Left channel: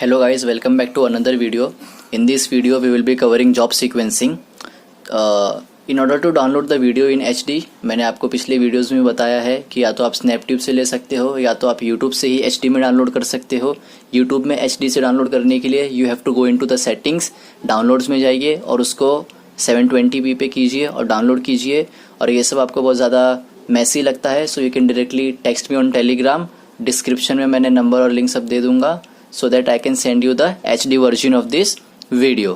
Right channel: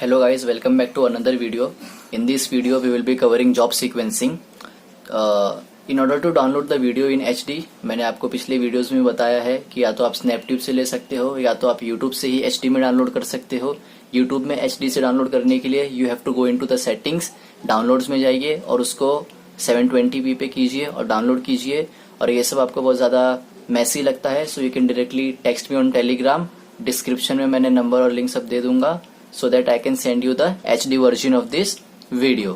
Hello guys, welcome back to another video. In this video we will be covering job sequencing. In order to download the video in HD, मैंने आपको पिछले videos में बताया है कि या तो आप स्नैपट्यूब से ले सकते हो या तो आप यूट्यूब से ही HD में डाउनलोड कर सकते हो। यूट्यूब में HD से डाउनलोड करने के लिए you have to go into the settings, downloads में जाइए और उसको 720p पे कीजिए और डाउनलोड कीजिए। और ये सब आपको बहुत ज़्यादा मैसी लगता है, so you can directly text me on Telegram. Description में मैंने नंबर और लिंक सब दे दूंगा so that I can send you the HD version of this video.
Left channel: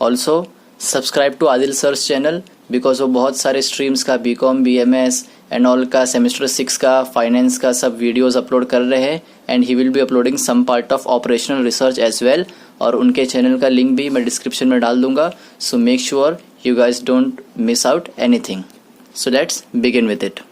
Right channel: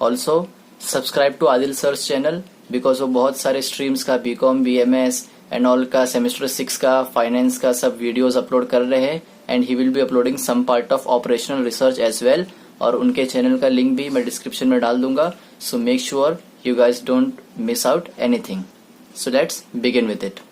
Also subscribe to Adil Sir's channel because वो बहुत सारे streams का BCom, BMS and all का semester 6 का finance का सब videos upload कर रहे हैं and he will be uploading some part of operational research as well. और उनके channel का link भी मैं description में डाल दूंगा, so make sure you guys don't miss out anything. So let's begin with it.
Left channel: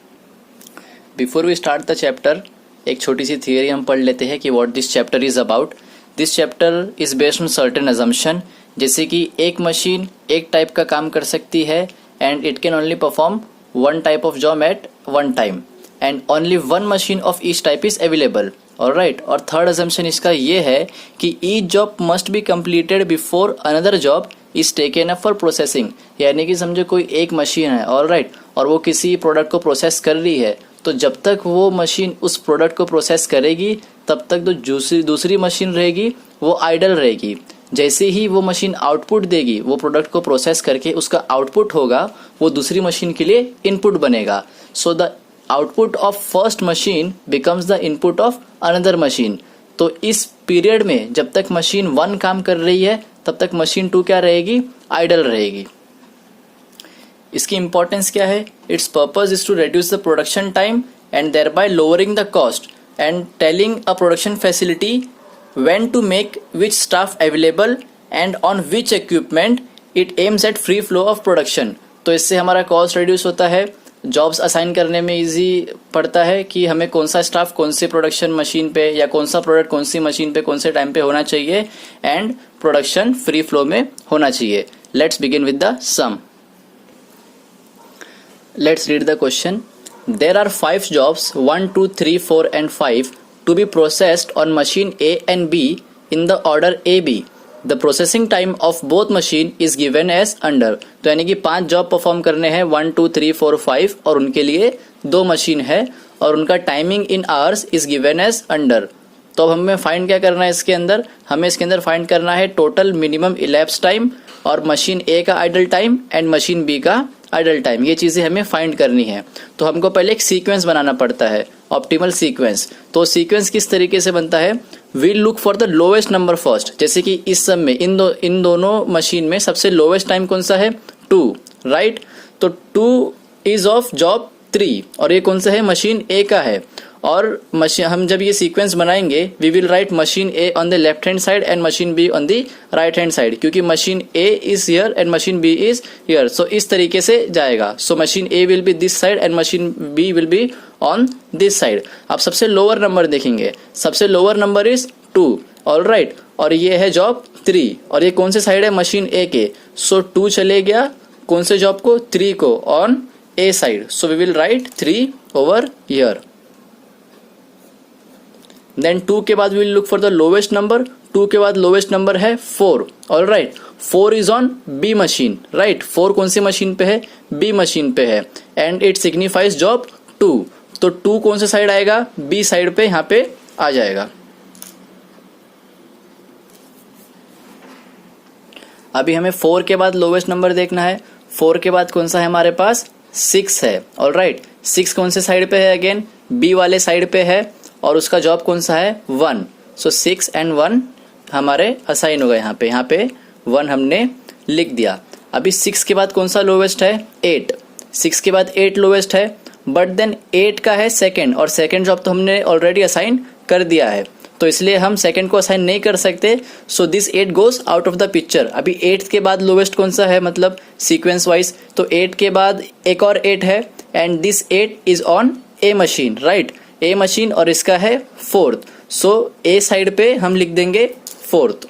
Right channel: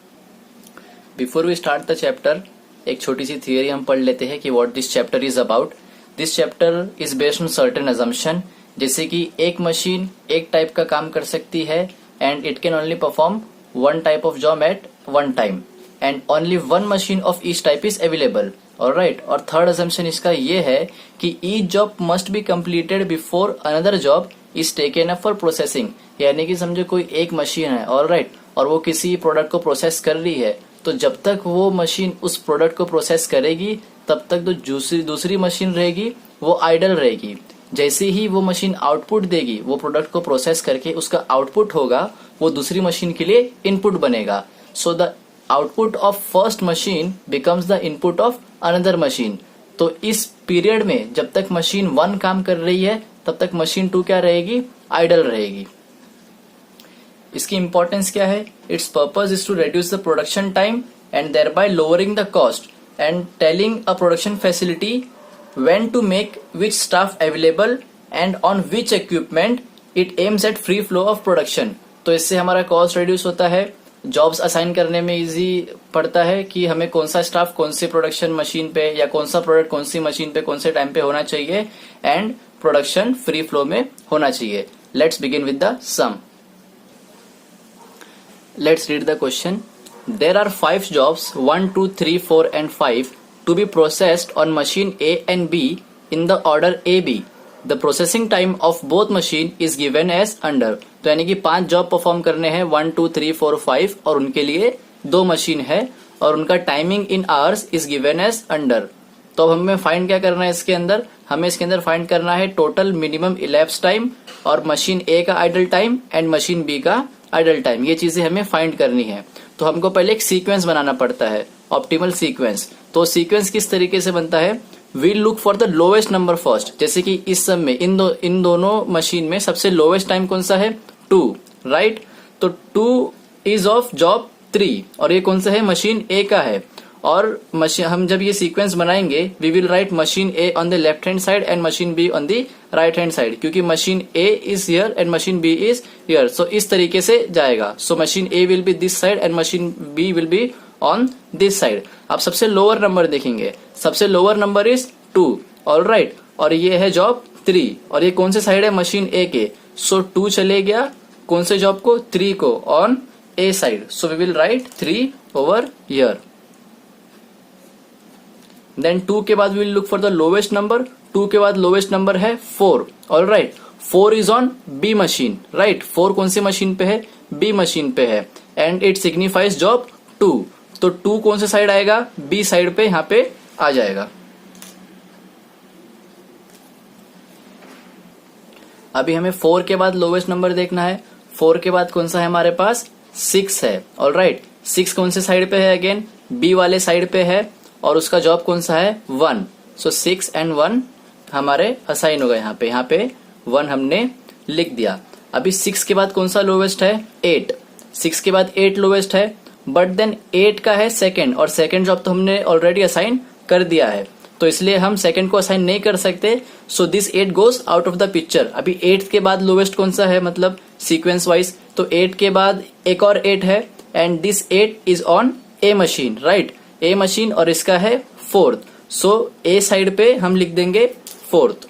Before we start the chapter, एक छोटी सी थियरी हम पढ़ लेते हैं कि what this chapter is about. This chapter is based on certain assumption, जैसे कि एक मशीन एक टाइप का काम कर सकती है and it can only perform one type of job eight one time and only one machine of each type is available. Alright, और थर्ड अजम्पशन इसका ये है कि each job must be completed before another job is taken up for processing. यानी कि समझो कोई एक मशीन है, ऑलराइट, और वो किसी प्रोडक्ट को प्रोसेस कर रही है, तो जब तक वो मशीन उस प्रोडक्ट को प्रोसेस करेगी तब तक तो दूसरी मशीन रहेगी वो आइडल रहेगी। जैसे ही वो मशीन आउटपुट देगी, वो प्रोडक्ट को प्रोसेस करके उसका आउटपुट होगा, वो दूसरी मशीन के लिए इनपुट बनेगा। So the output of first machine becomes the input of another machine. तो इस पीरियड में जब तक मशीन 1 काम कर रही है तब तक मशीन 2 क्या रहेगी, आइडल रहेगी। इसकी इंपॉर्टेंस क्या है? Its purpose is to reduce the production time and thereby lowering the cost and telling a production facility when to make which staff available and on which equipment it aims at free flow of production. तो इससे हमारा cost reduce होता है, jobs assign करने में easy पड़ता है कि हमें कौन सा स्टाफ कौन से प्रोडक्शन मशीन पे या कौन सा प्रोडक्ट कौन सी मशीन पे कौन से टाइम पे होना चाहिए एंड प्रोडक्शन फ्री फ्लो में होना चाहिए। Let's begin with the sum. Let's read the question. There are 5 jobs 1, 2, 3, 4 and 5 to be processed on machine A and B in the order AB. The processing time of both machine is given as under. तो यानी कि 5 job perform करने हैं, 1, 2, 3, 4, 5, और उनके लिए 2 machine है और उनका timing in hours is given as under. तो अब हमें फाइंड क्या करना है इसके अंदर? हमें इसके अंदर फाइंड करना है टोटल मिनिमम इलैप्स टाइम और मशीन ए का idle time and machine B का आइडल टाइम। ये चीजें हमें फाइंड करनी है। तो हमको पहले एक सीक्वेंस बनाना पड़ता है, ऑप्टिमल सीक्वेंस। तो सीक्वेंस किस तरीके से बनता है? We look for the lowest number first. जैसे कि इस सब में इन दोनों मशीन में सबसे लोएस्ट टाइम कौन सा है? 2, राइट। तो 2 इज ऑफ जॉब 3 और ये कौन सा है? मशीन ए का है। और मशीन हम जब ये सीक्वेंस बनाएंगे, we will write machine A on the left hand side and machine B on the right hand side, क्योंकि machine A is here and machine B is here. So इस तरीके से जाएगा। So machine A will be this side and machine B will be on this side. अब सबसे lower number देखेंगे, सबसे lower number is 2, alright, और ये है जॉब 3 और ये कौन से साइड है? मशीन ए के। सो 2 चले गया कौन से जॉब को? 3 को, on A side. So we will write 3 over here. Then 2 के बाद will look for the lowest number. 2 के बाद लोवेस्ट नंबर है 4, alright. 4 is on B machine, right. 4 कौन सी मशीन पे है? बी मशीन पे है एंड इट सिग्निफाइज जॉब 2। तो 2 कौन से साइड आएगा? बी साइड पे, यहां पे आ जाएगा। अभी हमें 4 के बाद लोवेस्ट नंबर देखना है। 4 के बाद कौन सा है हमारे पास? 6 है, ऑलराइट। 6 कौन से साइड पे है? अगेन बी वाले साइड पे है और उसका जॉब कौन सा है? 1। सो 6 एंड 1 हमारे असाइन हो गए। यहाँ पे 1 हमने लिख दिया। अभी 6 के बाद कौन सा लोवेस्ट है? 8। 6 के बाद 8 लोवेस्ट है, बट देन 8 का है सेकंड और सेकंड जॉब तो हमने ऑलरेडी असाइन कर दिया है, तो इसलिए हम सेकंड को असाइन नहीं कर सकते। So this 8 goes out of the picture. अभी 8 के बाद लोवेस्ट कौन सा है, मतलब सीक्वेंस वाइज? तो 8 के बाद एक और 8 है and this 8 is on A machine, right, A machine, और इसका है 4th। सो ए साइड पे हम लिख देंगे 4th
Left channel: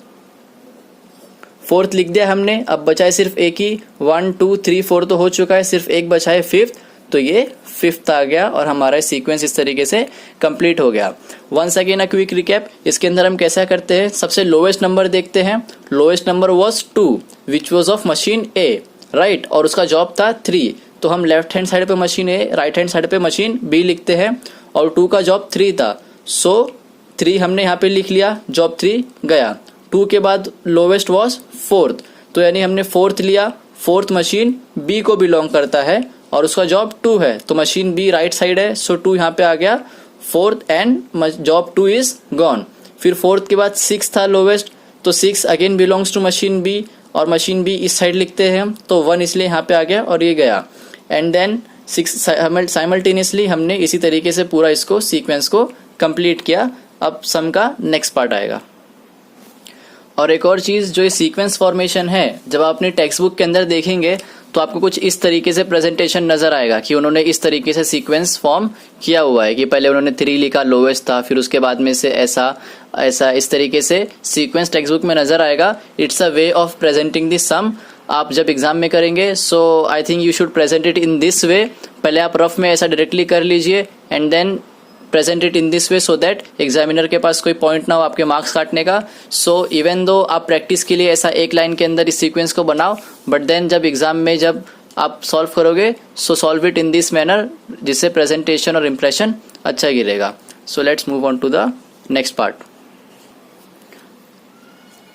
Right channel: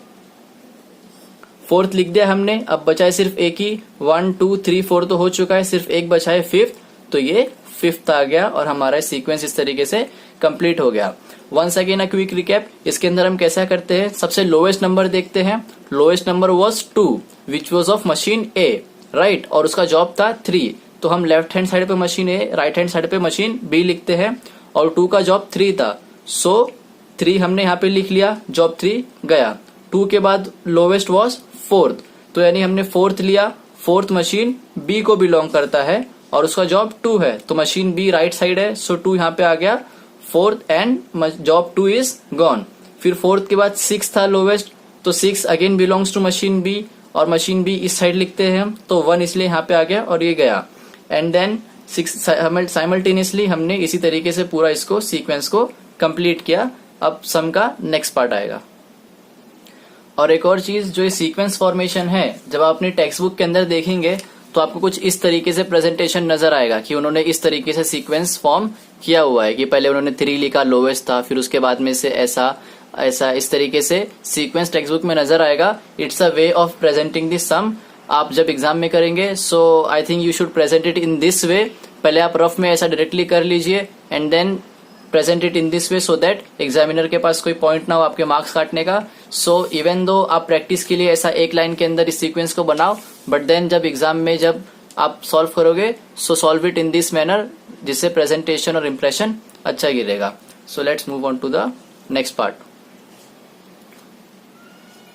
लिख दिया हमने। अब बचा है सिर्फ एक ही, 1, 2, 3, 4 तो हो चुका है, सिर्फ एक बचा है 5th, तो ये 5th आ गया और हमारा सीक्वेंस इस तरीके से कंप्लीट हो गया। Once again a quick recap, इसके अंदर हम कैसा करते हैं, सबसे लोएस्ट नंबर देखते हैं। Lowest number was 2 which was of machine A, right, और उसका जॉब था 3, तो हम लेफ्ट हैंड साइड पे मशीन ए, राइट हैंड साइड पे मशीन बी लिखते हैं, और 2 का जॉब 3 था, सो 3 हमने यहाँ पे लिख लिया, जॉब 3 गया। 2 के बाद लोवेस्ट वाज 4th, तो यानी हमने 4th लिया, 4th मशीन बी को बिलोंग करता है और उसका जॉब 2 है, तो मशीन बी राइट साइड है, सो 2 यहाँ पे आ गया 4th and job 2 is gone. फिर 4th के बाद 6 था लोवेस्ट, तो 6 again belongs to machine B, और मशीन बी इस साइड लिखते हैं हम, तो 1 इसलिए यहाँ पे आ गया और ये गया। एंड देन 6 साइमल्टेनियसली हमने इसी तरीके से पूरा इसको सीक्वेंस को कंप्लीट किया। अब सम का नेक्स्ट पार्ट आएगा। और एक और चीज, जो ये सीक्वेंस फॉर्मेशन है, जब आप अपनी टेक्स्ट बुक के अंदर देखेंगे तो आपको कुछ इस तरीके से प्रेजेंटेशन नजर आएगा कि उन्होंने इस तरीके से सीक्वेंस फॉर्म किया हुआ है कि पहले उन्होंने 3 लिखा, लोवेस्ट था, फिर उसके बाद में से ऐसा ऐसा इस तरीके से सीक्वेंस टेक्स्ट बुक में नजर आएगा। It's a way of presenting this sum. आप जब एग्जाम में करेंगे, so I think you should present it in this way. पहले आप रफ में ऐसा डायरेक्टली कर लीजिए and then present it in this way, so that examiner के पास कोई पॉइंट ना हो आपके मार्क्स काटने का। सो इवन दो आप प्रैक्टिस के लिए ऐसा एक लाइन के अंदर इस सीक्वेंस को बनाओ, बट देन जब एग्जाम में जब आप सॉल्व करोगे, so solve it in this manner, जिससे प्रेजेंटेशन और इंप्रेशन अच्छा गिरेगा। So let's move on to the next part.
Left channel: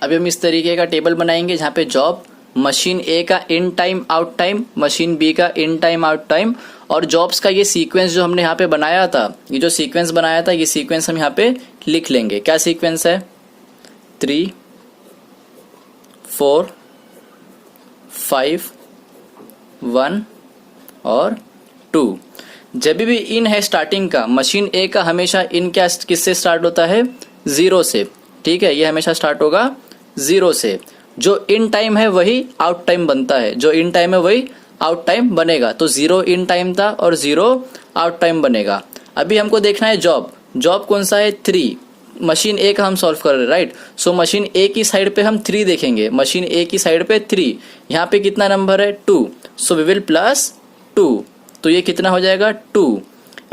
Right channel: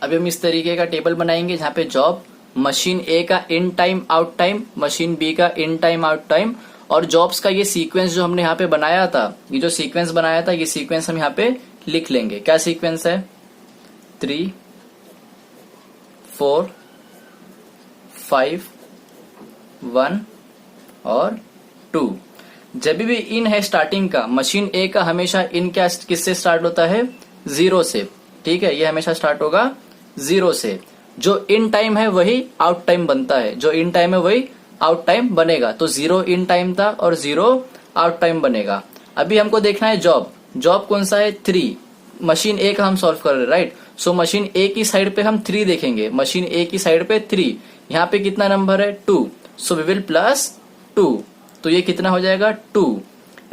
अभी हम इस तरीके का टेबल बनाएंगे जहां पे जॉब, मशीन ए का in time out time, machine B का इन टाइम आउट टाइम, और जॉब्स का ये सीक्वेंस जो हमने यहाँ पे बनाया था, ये जो सीक्वेंस बनाया था, ये सीक्वेंस हम यहाँ पे लिख लेंगे। क्या सीक्वेंस है? 3, 4, 5, 1 और 2। जब भी इन है स्टार्टिंग का, मशीन ए का हमेशा इन क्या किससे स्टार्ट होता है? 0 से, ठीक है, ये हमेशा स्टार्ट होगा 0 से। जो इन टाइम है वही आउट टाइम बनता है, जो इन टाइम है वही आउट टाइम बनेगा। तो 0 इन टाइम था और 0 आउट टाइम बनेगा। अभी हमको देखना है जॉब, जॉब कौन सा है? 3। मशीन ए का हम सॉल्व कर रहे हैं, राइट। सो मशीन ए की साइड पे हम 3 देखेंगे, मशीन ए की साइड पे 3, यहाँ पे कितना नंबर है? 2, सो वी विल प्लस 2, तो ये कितना हो जाएगा? 2।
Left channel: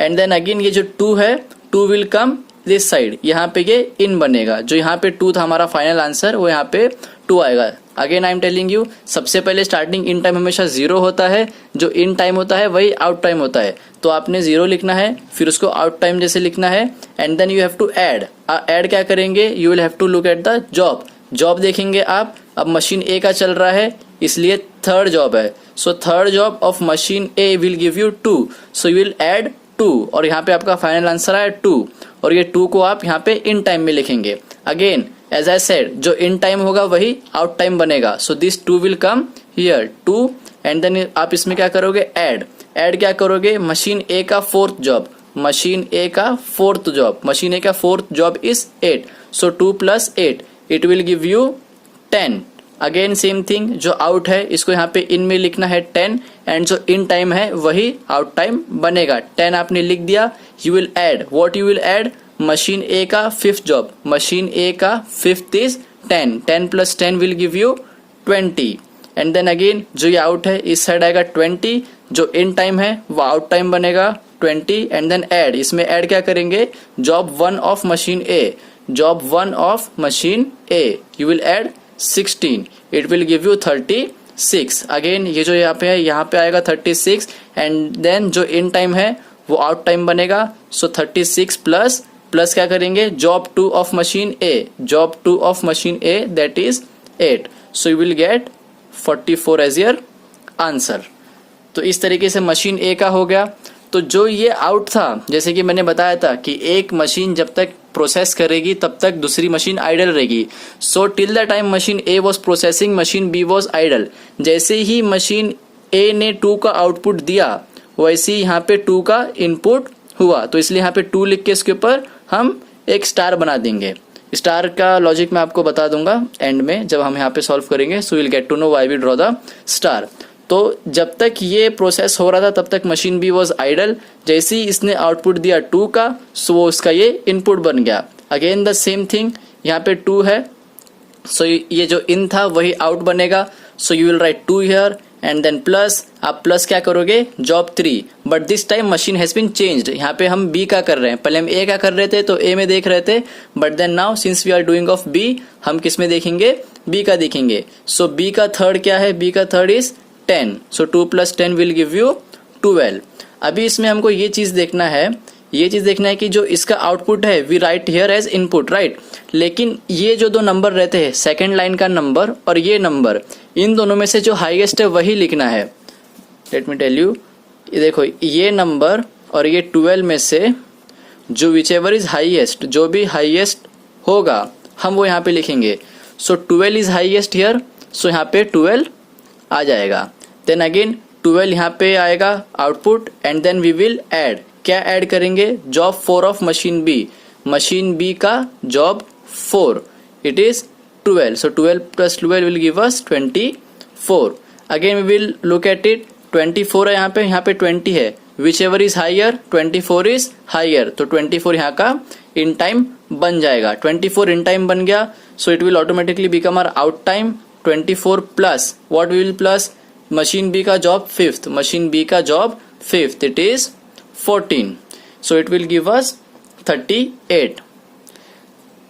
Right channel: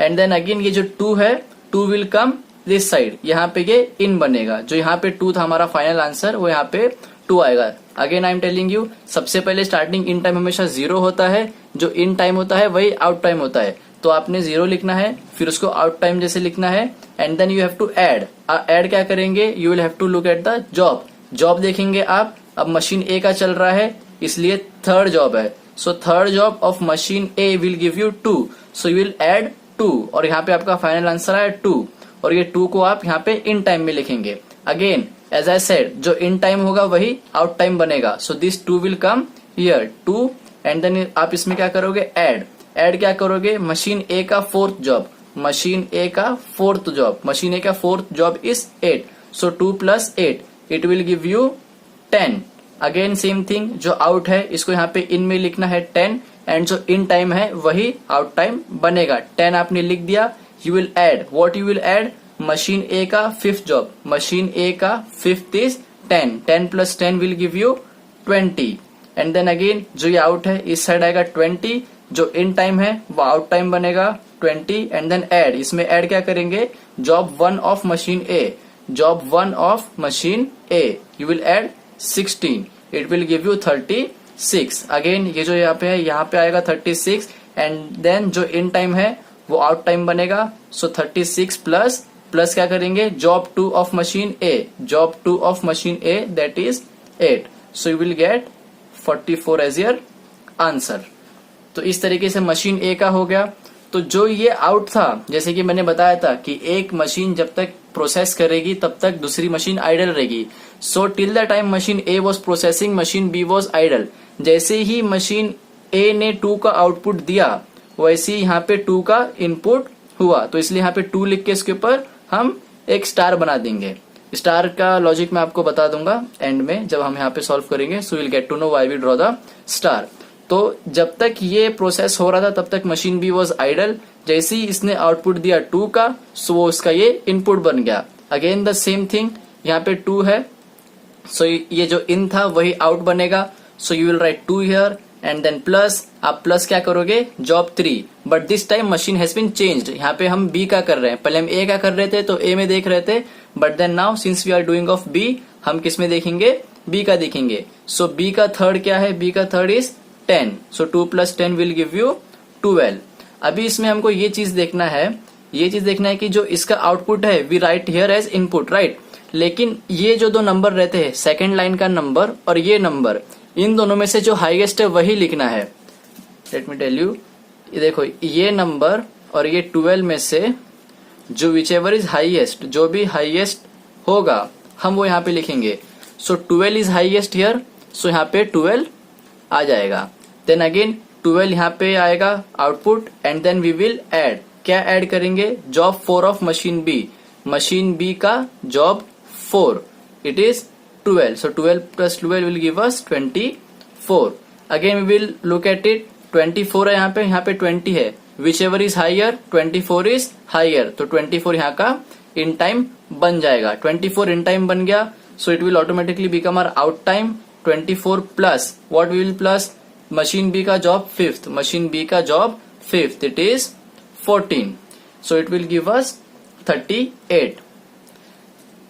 एंड देन अगेन ये जो 2 है, 2 विल कम दिस साइड, यहाँ पे ये इन बनेगा, जो यहाँ पे 2 था हमारा फाइनल आंसर, वो यहाँ पे 2 आएगा। Again I am telling you, सबसे पहले स्टार्टिंग इन टाइम हमेशा 0 होता है, जो इन टाइम होता है वही आउट टाइम होता है, तो आपने 0 लिखना है, फिर उसको आउट टाइम जैसे लिखना है, and then you have to add. Add क्या करेंगे? You will have to look at the job. Job देखेंगे आप, अब मशीन ए का चल रहा है इसलिए 3rd जॉब है, सो 3rd job of machine A will give you 2, so you will add 2, और यहाँ पे आपका फाइनल आंसर आया 2, और ये 2 को आप यहाँ पे इन टाइम में लिखेंगे। अगेन एज आई सेड, जो इन टाइम होगा वही आउट टाइम बनेगा, so this 2 will come here 2, and then आप इसमें क्या करोगे? ऐड। ऐड क्या करोगे? मशीन ए का 4th जॉब, मशीन ए का 4th जॉब, मशीन ए का 4th job is 8, so 2 + 8, it will give you 10। Again same thing, जो आउट है इसको यहाँ पे इन में लिखना है 10, एंड जो इन टाइम है वही आउट टाइम बनेगा। 10 आपने लिख दिया, you will add, what you will add? Machine A का 5th जॉब, मशीन ए का 5th is 10, 10 + 10 will give you 20, and then again जो ये आउट है इस साइड आएगा 20, जो इन टाइम है वो आउट टाइम बनेगा 20, एंड देन ऐड। इसमें ऐड क्या करेंगे? Job 1 of machine A, job 1 of machine A, you will add 16, it will give you 36। Again ये जो यहाँ पे है, यहाँ पे आएगा 36, एंड देन जो इन टाइम है वो आउट टाइम बनेगा, सो 36 प्लस क्या करेंगे? Job 2 of machine A, job 2 of machine A that is 8, so you will get 44 as your answer. तो इस तरीके से मशीन ए का हो गया। तो जो ये आउट था, जैसे कि मैंने बताया था कि एक मशीन जब तक प्रोसेस करेगी तब तक दूसरी मशीन आइडल रहेगी, so till the time machine A was processing machine B was idle. जैसे ही मशीन ए ने 2 का आउटपुट दिया वैसे ही यहाँ पे 2 का इनपुट हुआ, तो इसलिए यहाँ पे 2 लिख के इसके ऊपर हम एक स्टार बना देंगे। स्टार का लॉजिक मैं आपको बता दूंगा एंड में, जब हम यहाँ पे सॉल्व करेंगे, so will get to know why we draw the star. तो जब तक ये प्रोसेस हो रहा था तब तक मशीन बी वॉज आइडल, जैसे ही इसने आउटपुट दिया 2 का, सो वो उसका ये इनपुट बन गया। अगेन द सेम थिंग, यहाँ पे 2 है, सो ये जो इन था वही आउट बनेगा, so you will write 2 here, and then plus, आप प्लस क्या करोगे, job 3, but this time machine has been changed. यहाँ पे हम बी का कर रहे हैं, पहले हम ए का कर रहे थे तो ए में देख रहे थे, but then now since we are doing of B, हम किस में देखेंगे, बी का देखेंगे। सो बी का थर्ड क्या है, बी का third is 10, so 2 + 10 will give you 12। अभी इसमें हमको ये चीज देखना है, कि जो इसका आउटपुट है we write here as input, right, लेकिन ये जो दो नंबर रहते हैं, सेकेंड लाइन का नंबर और ये नंबर, इन दोनों में से जो हाईएस्ट है वही लिखना है। लेट मी टेल यू, ये देखो, ये नंबर और ये 12 में से जो विचएवर इज हाईएस्ट, जो भी हाईएस्ट होगा हम वो यहाँ पे लिखेंगे। सो 12 इज हाईएस्ट हियर, सो यहाँ पे 12 आ जाएगा। देन अगेन 12 यहाँ पे आएगा output, and then we will add, क्या ऐड करेंगे, job 4 of machine B, machine B का job 4, it is 12, so 12 + 12 will give us 24। Again we will look at it, 24 है यहाँ पे 20 है, whichever is higher 24 is higher, तो 24 यहाँ का इन टाइम बन जाएगा। 24 इन टाइम बन गया, so it will automatically become our out time. 24 plus what will plus, machine B का जॉब 5th, मशीन बी का job 5th, it is 14, so it will give us 38।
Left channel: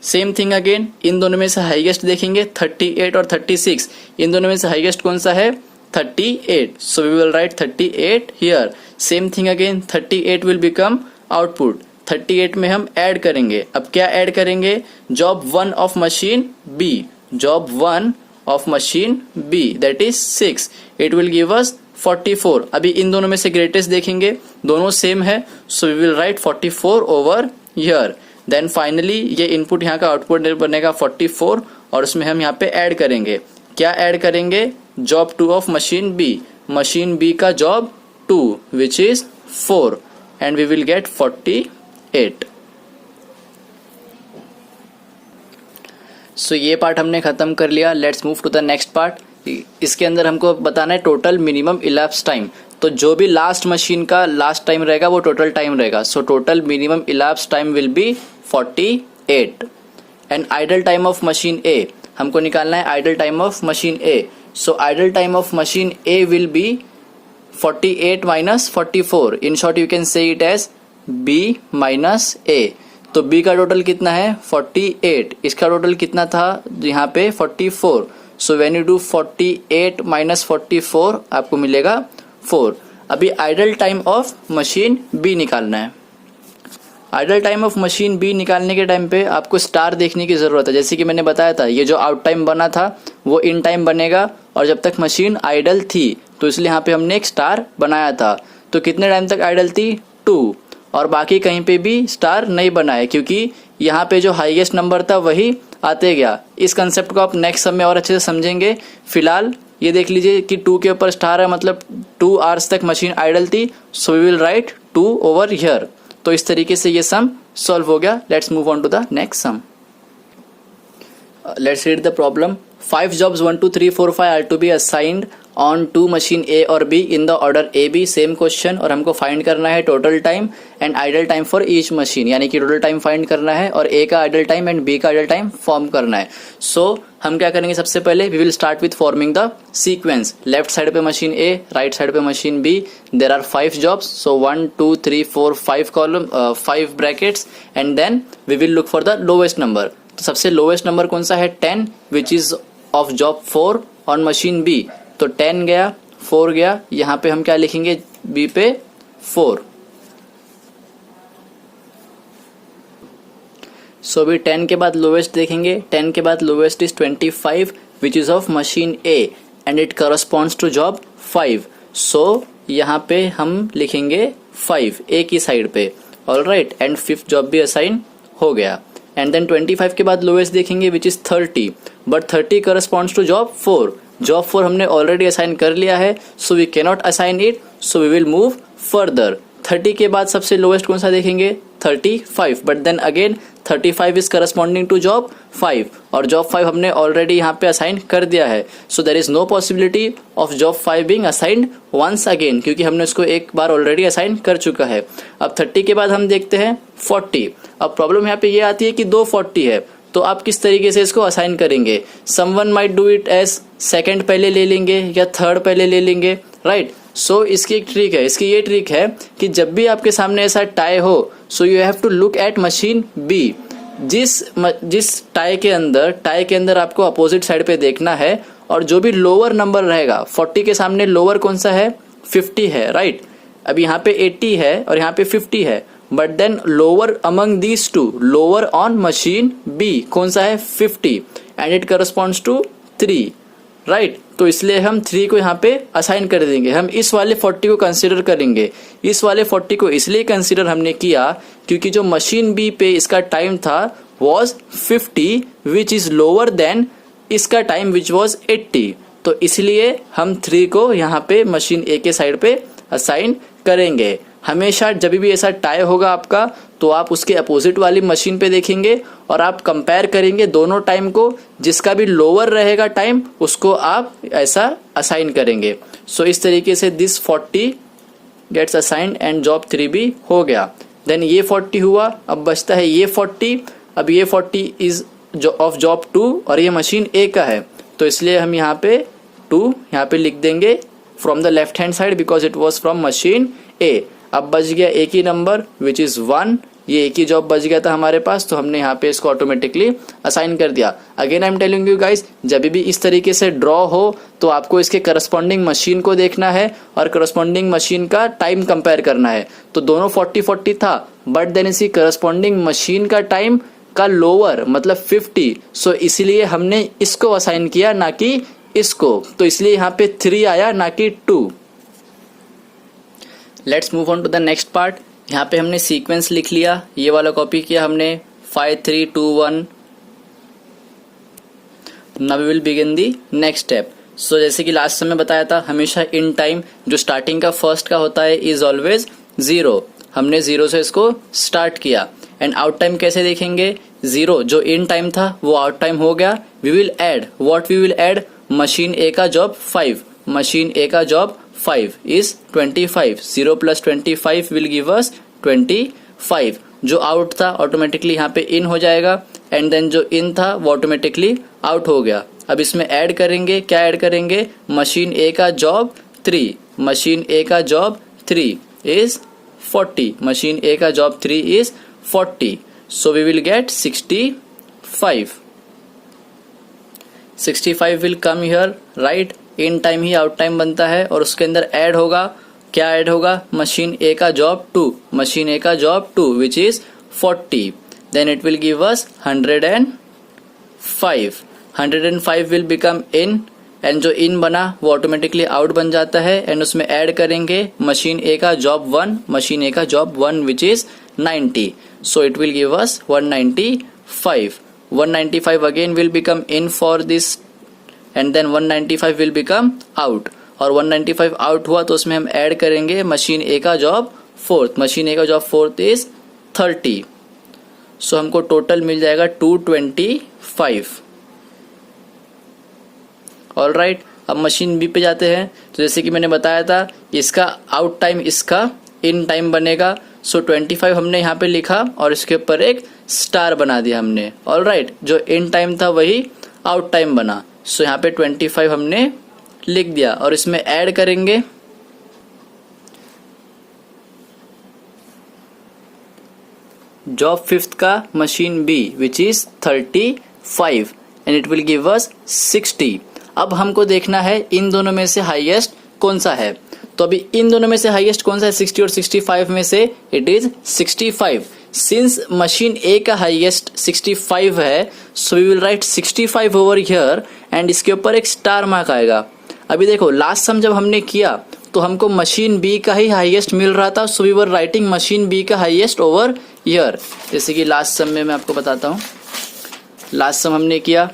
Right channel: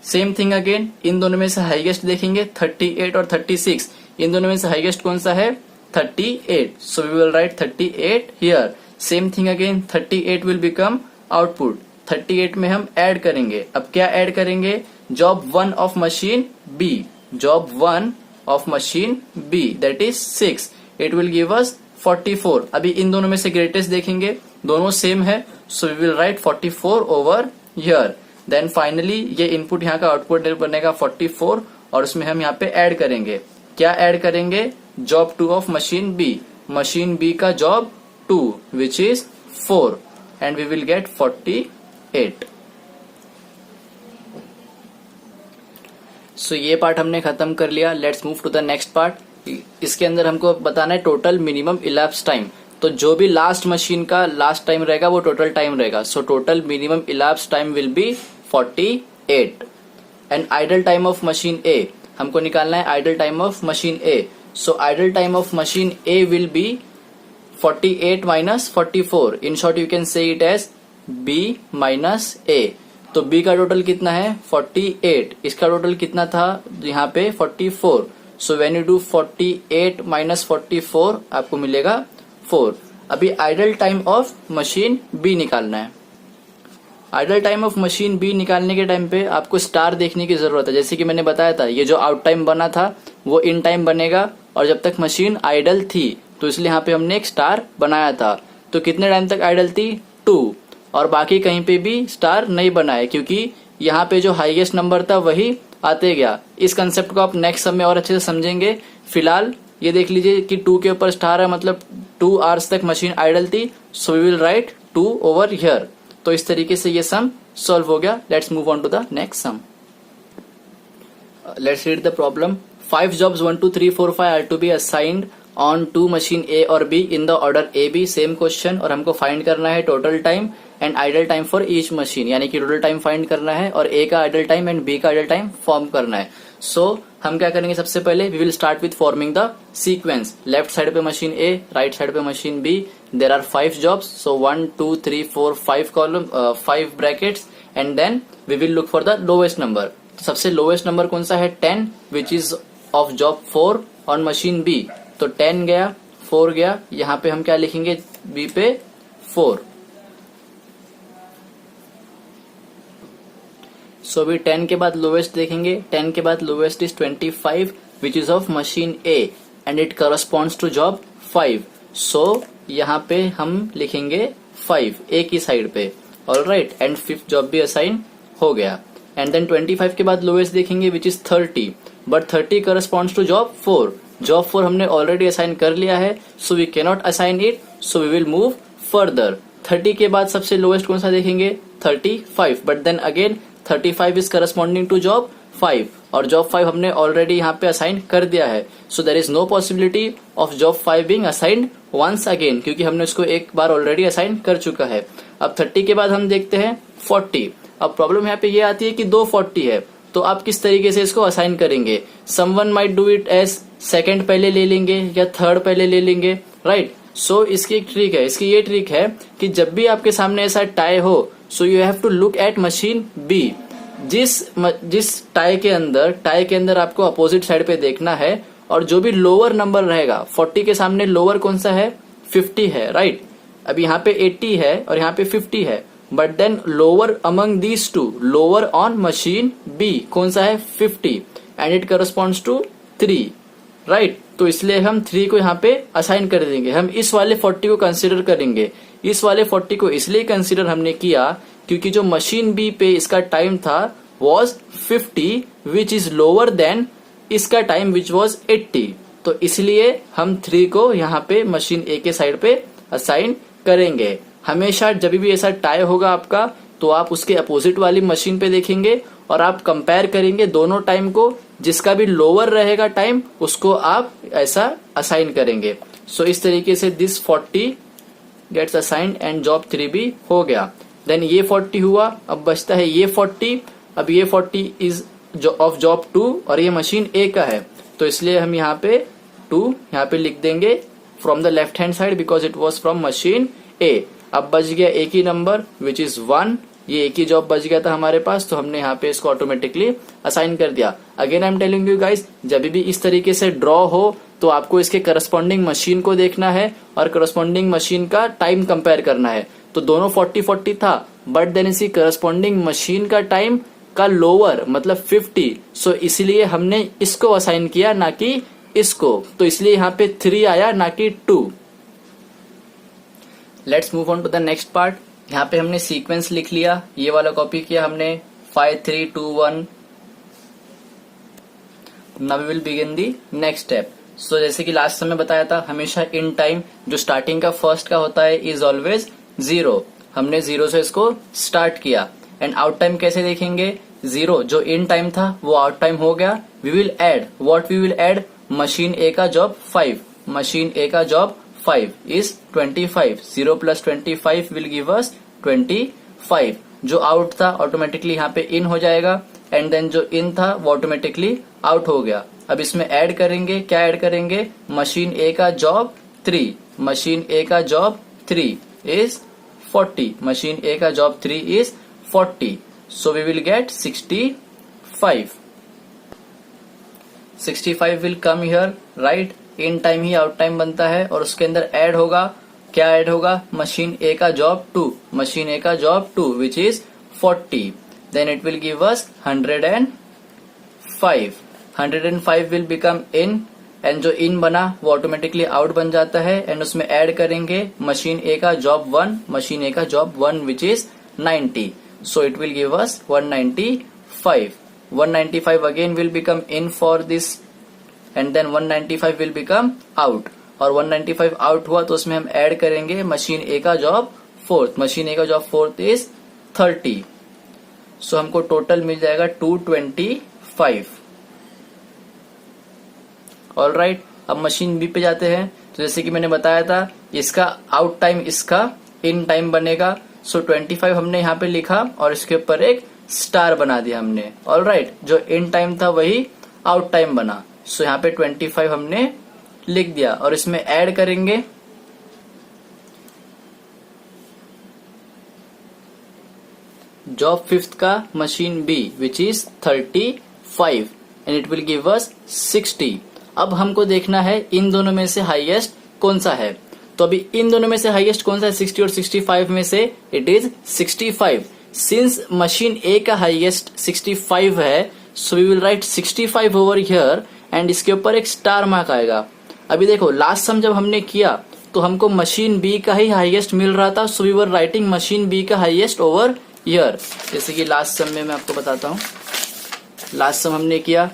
Same thing again, इन दोनों में से highest देखेंगे 38 और 36, इन दोनों में से हाईएस्ट कौन सा है, 38, so we will write 38 here। Same thing again, 38 will become output, 38 में हम ऐड करेंगे। अब क्या ऐड करेंगे, job 1 of machine B, job 1 of machine B, that is 6, it will give us 44। अभी इन दोनों में से ग्रेटेस्ट देखेंगे, दोनों सेम है, so we will write 44 over here. Then finally ये इनपुट यहाँ का आउटपुट बनेगा 44, और उसमें हम यहाँ पे ऐड करेंगे, क्या ऐड करेंगे, जॉब 2 ऑफ मशीन बी का job 2 which is 4, and we will get 48। So ये पार्ट हमने खत्म कर लिया। Let's move to the next part. इसके अंदर हमको बताना है टोटल मिनिमम इलैप्स टाइम। तो जो भी लास्ट मशीन का लास्ट टाइम रहेगा वो टोटल टाइम रहेगा। So total minimum elapse time will be 48। And idle time of machine A, हमको निकालना है idle time of machine A. So idle time of machine A will be 48 minus 44। In short you can say it as b minus a। तो b का total कितना है 48, इसका total कितना था यहाँ पे 44। So when you do 48 minus 44 आपको मिलेगा 4। अभी idle time of machine b निकालना है। Idle time of machine B निकालने के टाइम पे आपको स्टार देखने की जरूरत है। जैसे कि मैंने बताया था ये जो आउट टाइम बना था वो इन टाइम बनेगा, और जब तक मशीन आइडल थी तो इसलिए यहाँ पे हमने एक स्टार बनाया था। तो कितने टाइम तक आइडल थी 2, और बाकी कहीं पे भी स्टार नहीं बनाया क्योंकि यहाँ पे जो हाईएस्ट नंबर था वही आते गया। इस कंसेप्ट को आप नेक्स्ट सब में और अच्छे से समझेंगे। फिलहाल ये देख लीजिए कि 2 के ऊपर स्टार है, मतलब 2 आवर्स तक मशीन आइडल थी। So we will write 2 over here. तो इस तरीके से ये सम सॉल्व हो गया। Let's move on to the next sum. Let's read the problem. 5 jobs 1 2 3 4 5 are to be assigned on to machine A और B in the order A B। Same question, और हमको फाइंड करना है total time and idle time for each machine, यानी कि total time find करना है और A का आइडल टाइम एंड B का आइडल टाइम फॉर्म करना है। सो हम क्या करेंगे, सबसे पहले we will start with forming the sequence. Left side पे मशीन A, राइट साइड पे machine B। There are 5 jobs, so 1 2 3 4 5 column 5 brackets, and then we will look for the lowest number. तो सबसे lowest number कौन सा है 10 which is of job 4 on machine B। तो 10 गया, 4 गया, यहाँ पे हम क्या लिखेंगे B पे 4। सो अभी 10 के बाद लोवेस्ट देखेंगे। 10 के बाद lowest is 25 which is of machine A and it corresponds to job 5। So यहाँ पे हम लिखेंगे 5 A की साइड पे, ऑलराइट, एंड 5th जॉब भी असाइन हो गया। एंड देन 25 के बाद लोवेस्ट देखेंगे which is 30, but 30 corresponds to job 4। Job 4 हमने ऑलरेडी असाइन कर लिया है, so we cannot assign it, so we will move further. 30 के बाद सबसे लोवेस्ट कौन सा देखेंगे 35, but then again 35 is corresponding to job 5, और जॉब 5 हमने ऑलरेडी यहाँ पे असाइन कर दिया है। So there is no possibility of job 5 being assigned once again, क्योंकि हमने उसको एक बार ऑलरेडी असाइन कर चुका है। अब 30 के बाद हम देखते हैं 40। अब प्रॉब्लम यहाँ पे ये आती है कि 2 40 है, तो आप किस तरीके से इसको असाइन करेंगे? Someone might do it as second पहले ले लेंगे या थर्ड पहले ले लेंगे, राइट? सो इसकी एक ट्रिक है, इसकी ये ट्रिक है कि जब भी आपके सामने ऐसा टाई हो, so you have to look at machine B. जिस टाई के अंदर आपको अपोजिट साइड पे देखना है, और जो भी लोअर नंबर रहेगा, 40 के सामने लोअर कौन सा है? 50 है, राइट? अब यहाँ पे 80 है और यहाँ पे 50 है, but then lower among these two, lower on machine B कौन सा है? 50, and it corresponds to 3, right? तो इसलिए हम 3 को यहाँ पे असाइन कर देंगे। हम इस वाले 40 को कंसीडर करेंगे। इस वाले 40 को इसलिए कंसीडर हमने किया क्योंकि जो मशीन बी पे इसका टाइम था was 50, which is lower than इसका टाइम विच वॉज 80। तो इसलिए हम 3 को यहाँ पे मशीन ए के साइड पे असाइन करेंगे। हमेशा जब भी ऐसा टाई होगा आपका, तो आप उसके अपोजिट वाली मशीन पे देखेंगे और आप कंपेयर करेंगे दोनों टाइम को। जिसका भी लोअर रहेगा टाइम, उसको आप ऐसा असाइन करेंगे। सो इस तरीके से this 40 gets assigned and job 3 भी हो गया। देन ये 40 हुआ, अब बचता है ये 40। अब ये 40 इज ऑफ जॉब 2 और ये मशीन ए का है, तो इसलिए हम यहाँ पे 2 यहाँ पे लिख देंगे from the left hand side because it was from machine A. अब बच गया एक ही नंबर विच इज 1, ये एक ही जॉब बच गया था हमारे पास, तो हमने यहाँ पे इसको ऑटोमेटिकली असाइन कर दिया। Again I am telling you guys, जब भी इस तरीके से ड्रॉ हो तो आपको इसके करस्पॉन्डिंग मशीन को देखना है और करस्पॉन्डिंग मशीन का टाइम कंपेयर करना है। तो दोनों 40-40 था, बट देन इसकी करस्पॉन्डिंग मशीन का टाइम का लोअर मतलब 50, सो इसलिए हमने इसको असाइन किया ना कि इसको, तो इसलिए यहाँ पे 3 आया ना कि 2। Let's move on to the next part. यहाँ पे हमने सीक्वेंस लिख लिया, ये वाला कॉपी किया हमने 5 3 2 1। Now we will begin the next step. So जैसे कि लास्ट समय बताया था, हमेशा इन टाइम जो स्टार्टिंग का फर्स्ट का होता है इज ऑलवेज 0। हमने 0 से इसको स्टार्ट किया। एंड आउट टाइम कैसे देखेंगे? 0 जो इन टाइम था वो आउट टाइम हो गया। We will add, what we will add? Machine A का जॉब 5, मशीन ए का job 5 is 25. 0 plus 25 will give us 25. जो आउट था ऑटोमेटिकली यहाँ पे इन हो जाएगा, एंड देन जो इन था वो ऑटोमेटिकली आउट हो गया। अब इसमें ऐड करेंगे, क्या ऐड करेंगे? मशीन ए का जॉब 3, मशीन ए का जॉब 3 is 40, मशीन ए का job 3 is 40. So we will get 65. 65 will come here, right? In time he out time बनता है और उसके अंदर ऐड होगा, क्या ऐड होगा? मशीन ए का जॉब 2, मशीन ए का job 2 which is 40। Then it will give us 105। 105 will become in, and जो इन बना वो ऑटोमेटिकली आउट बन जाता है, एंड उसमें ऐड करेंगे मशीन ए का जॉब 1, मशीन ए का job 1 which is 90। So it will give us 195। 195 again will become in for this, and then 195 will become out. और 195 आउट हुआ तो उसमें हम ऐड करेंगे मशीन ए का जॉब 4, मशीन ए का जॉब 4 इज 30। सो हमको टोटल मिल जाएगा 225। ऑलराइट, अब मशीन बी पे जाते हैं। तो जैसे कि मैंने बताया था, इसका आउट टाइम इसका इन टाइम बनेगा। सो 25 हमने यहाँ पे लिखा और इसके ऊपर एक स्टार बना दिया हमने। ऑलराइट, जो इन टाइम था वही आउट टाइम बना। सो यहाँ पे 25 हमने लिख दिया और इसमें ऐड करेंगे जॉब 5th का machine B which is 35, and it will give us 60। अब हमको देखना है इन दोनों में से हाईएस्ट कौन सा है। तो अभी इन दोनों में से हाईएस्ट कौन सा है? 60 और 65 में से it is 65। Since machine A का हाईएस्ट 65 है, so we will write 65 over here, and इसके ऊपर एक स्टार मार्क आएगा। अभी देखो, लास्ट सम जब हमने किया तो हमको मशीन बी का ही हाईएस्ट मिल रहा था, so we were writing machine B का हाईएस्ट ओवर हियर। जैसे कि लास्ट सम में मैं आपको बताता हूँ, लास्ट सम हमने किया,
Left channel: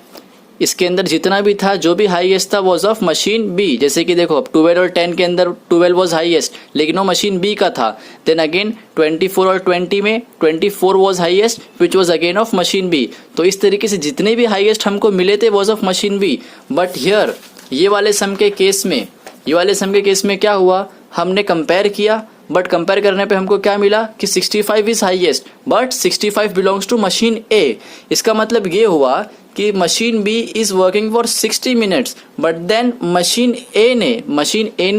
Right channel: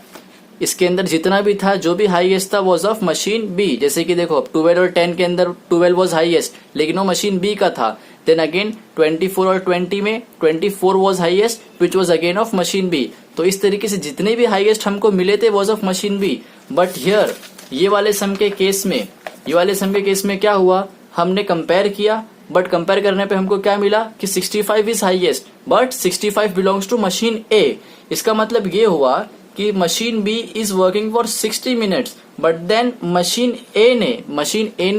इसके अंदर जितना भी था, जो भी हाईएस्ट था वॉज ऑफ मशीन बी। जैसे कि देखो 12 और 10 के अंदर 12 वॉज हाईएस्ट, लेकिन वो मशीन बी का था। देन अगेन 24 और 20 में 24 was highest which was again of machine B. तो इस तरीके से जितने भी हाईएस्ट हमको मिले थे was of machine B. But here ये वाले सम के केस में क्या हुआ? हमने कंपेयर किया बट कंपेयर करने पे हमको क्या मिला कि 65 is highest but 65 belongs to machine A. इसका मतलब ये हुआ कि machine B is working for 60 minutes but then machine A ने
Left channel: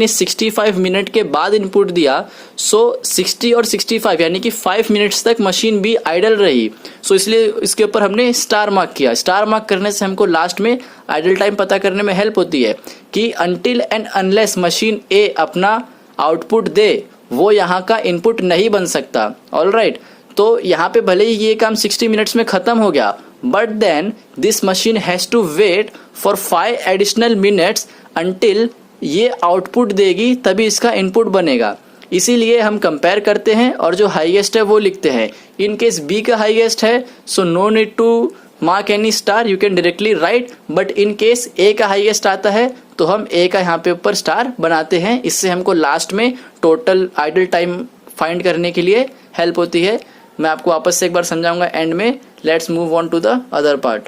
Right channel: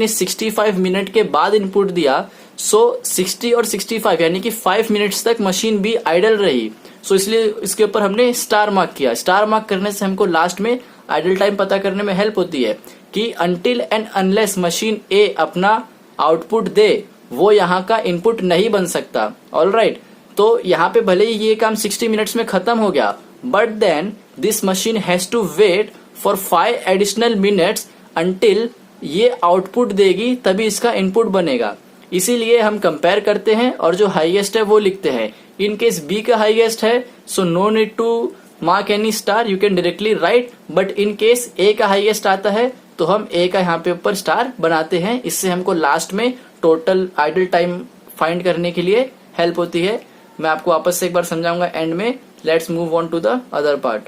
65 मिनट के बाद इनपुट दिया। सो 60 और 65 यानी कि 5 मिनट्स तक मशीन बी आइडल रही। सो इसलिए इसके ऊपर हमने स्टार मार्क किया। स्टार मार्क करने से हमको लास्ट में आइडल टाइम पता करने में हेल्प होती है कि अनटिल एंड अनलेस मशीन ए अपना आउटपुट दे वो यहाँ का इनपुट नहीं बन सकता। ऑलराइट, तो यहाँ पे भले ही ये काम 60 मिनट्स में खत्म हो गया but then this machine has to wait for 5 additional minutes until ये आउटपुट देगी तभी इसका इनपुट बनेगा। इसीलिए हम कंपेयर करते हैं और जो हाईएस्ट है वो लिखते हैं। इन केस बी का हाईएस्ट है so no need to mark any star, you can directly write. But in case A का हाईएस्ट आता है तो हम ए का यहाँ पे ऊपर स्टार बनाते हैं। इससे हमको लास्ट में टोटल आइडल टाइम फाइंड करने के लिए हेल्प होती है। मैं आपको वापस से एक बार समझाऊंगा एंड में। Let's move on to the other part.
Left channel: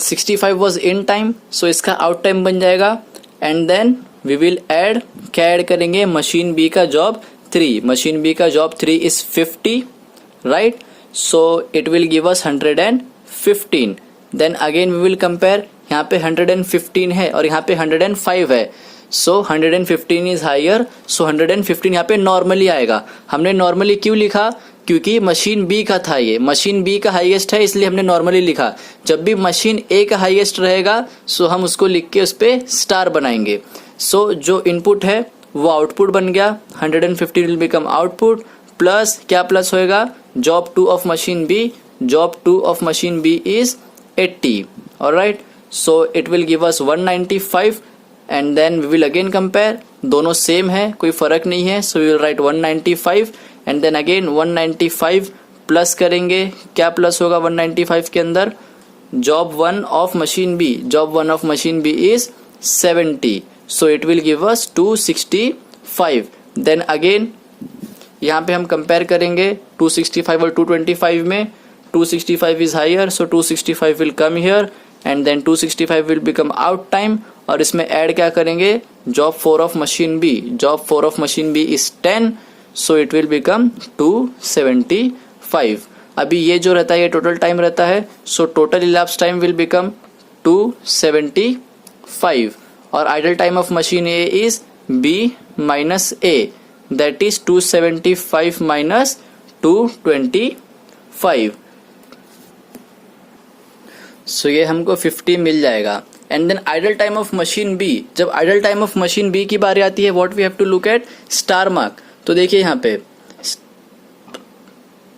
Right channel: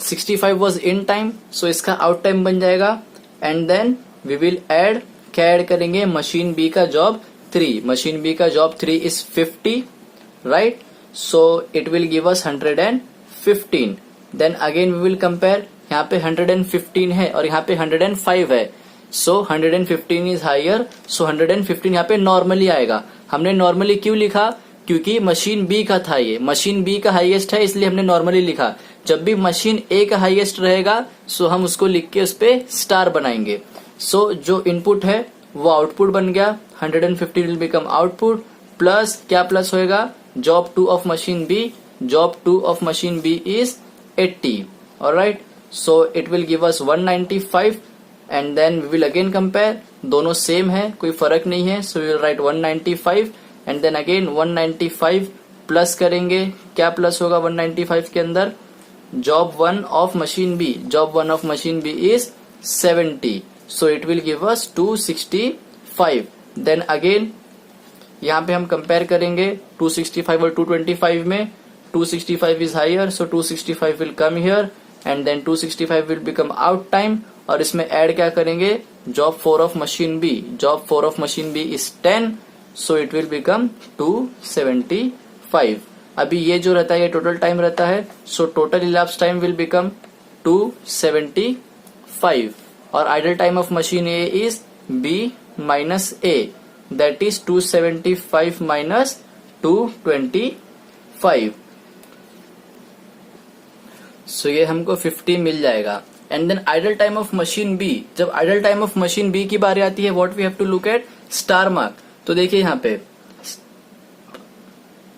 65 was in time so इसका आउट टाइम बन जाएगा and then we will add, क्या ऐड करेंगे, मशीन बी का जॉब 3। मशीन बी का job 3 is 50 right, so it will give us 115। Then again we will compare, यहाँ पे 115 है और यहाँ पे 105 है। सो 115 इज हायर, सो 115 यहाँ पे नॉर्मली आएगा। हमने नॉर्मली क्यों लिखा, क्योंकि मशीन बी का था, ये मशीन बी का हाईएस्ट है इसलिए हमने नॉर्मली लिखा। जब भी मशीन ए का हाईएस्ट रहेगा सो हम उसको लिख के उस पे स्टार बनाएंगे। सो जो इनपुट है वो आउटपुट बन गया, 115 विल बिकम आउटपुट प्लस क्या प्लस होएगा, job 2 of machine B, job 2 of machine B is 80। Alright, so it will give us 195 and then we will again compare, दोनों सेम है कोई फर्क नहीं है। So we will write 195 and then again 195 plus करेंगे, क्या plus होगा 195 के अंदर, job 1 of machine B, job 1 of machine B is 70 so it will give us 265। Then again यहाँ पे हम कंपेयर करेंगे 265 और 225 में, 265 is higher so 265 will come here and then 265 will become out time और इसमें ऐड क्या करेंगे, job 4 of machine B, job 4 of machine B is 10 so it will become 275। अभी ये जो रहता है ये टोटल टाइम रहता है, so total elapse time will become 275 और idle time of machine A is B minus A, that is 275 minus 225। So ये हमको 50 मिल जाएगा। And then idle time of machine B, जब idle time of machine B की बारी आती है what we have to look at, star mark. तो देखिए यहाँ पे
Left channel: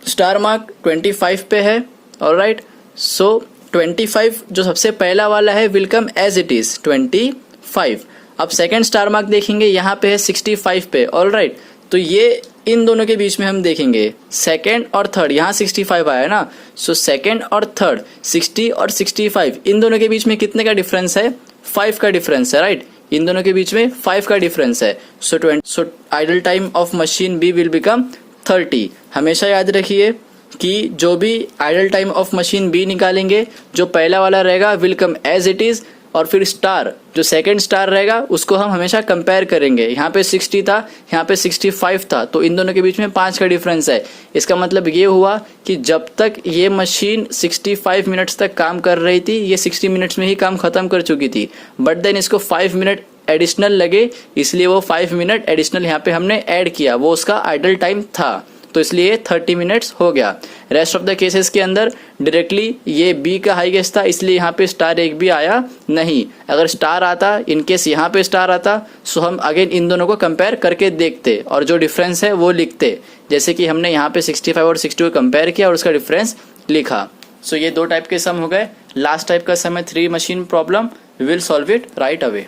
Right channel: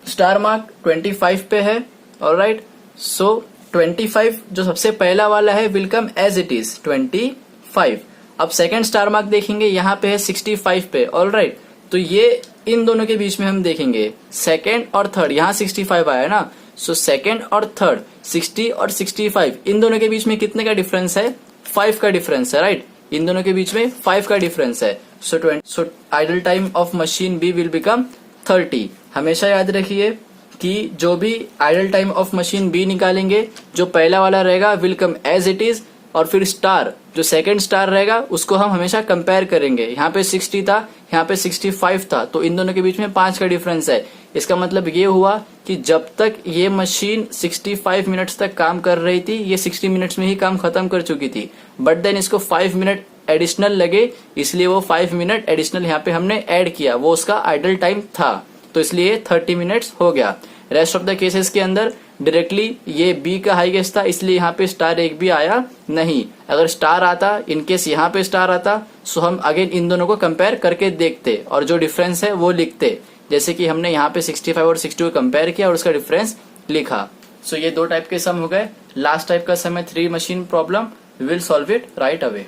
स्टार मार्क 25 पे है। ऑलराइट, सो 25 जो सबसे पहला वाला है will come as it is 25। अब सेकंड स्टार मार्क देखेंगे यहाँ पे है 65 पे। ऑलराइट, तो ये इन दोनों के बीच में हम देखेंगे सेकंड और थर्ड, यहाँ 65 आया ना, सो सेकंड और थर्ड 60 और 65 इन दोनों के बीच में कितने का डिफरेंस है, 5 का डिफरेंस है। राइट, इन दोनों के बीच में 5 का डिफरेंस है। So idle time of machine B will become 30। हमेशा याद रखिए कि जो भी idle time of machine B निकालेंगे जो पहला वाला रहेगा will come as it is और फिर स्टार जो सेकंड स्टार रहेगा उसको हम हमेशा कंपेयर करेंगे। यहाँ पे 60 था, यहाँ पे 65 था, तो इन दोनों के बीच में 5 का डिफरेंस है। इसका मतलब ये हुआ कि जब तक ये मशीन 65 मिनट्स तक काम कर रही थी ये 60 मिनट्स में ही काम खत्म कर चुकी थी, बट देन इसको 5 मिनट एडिशनल लगे इसलिए वो 5 मिनट एडिशनल यहाँ पे हमने ऐड किया, वो उसका आइडल टाइम था, तो इसलिए 30 मिनट्स हो गया। रेस्ट ऑफ द केसेस के अंदर डायरेक्टली ये बी का हाईएस्ट था इसलिए यहाँ पे स्टार एक भी आया नहीं। अगर स्टार आता, इनकेस यहाँ पे स्टार आता, सो हम अगेन इन दोनों को कंपेयर करके देखते और जो डिफरेंस है वो लिखते, जैसे कि हमने यहाँ पे 65 और 60 को कंपेयर किया और उसका डिफरेंस लिखा। सो ये 2 टाइप के सम हो गए। लास्ट टाइप का सम है 3 machine problem, we will solve it right away.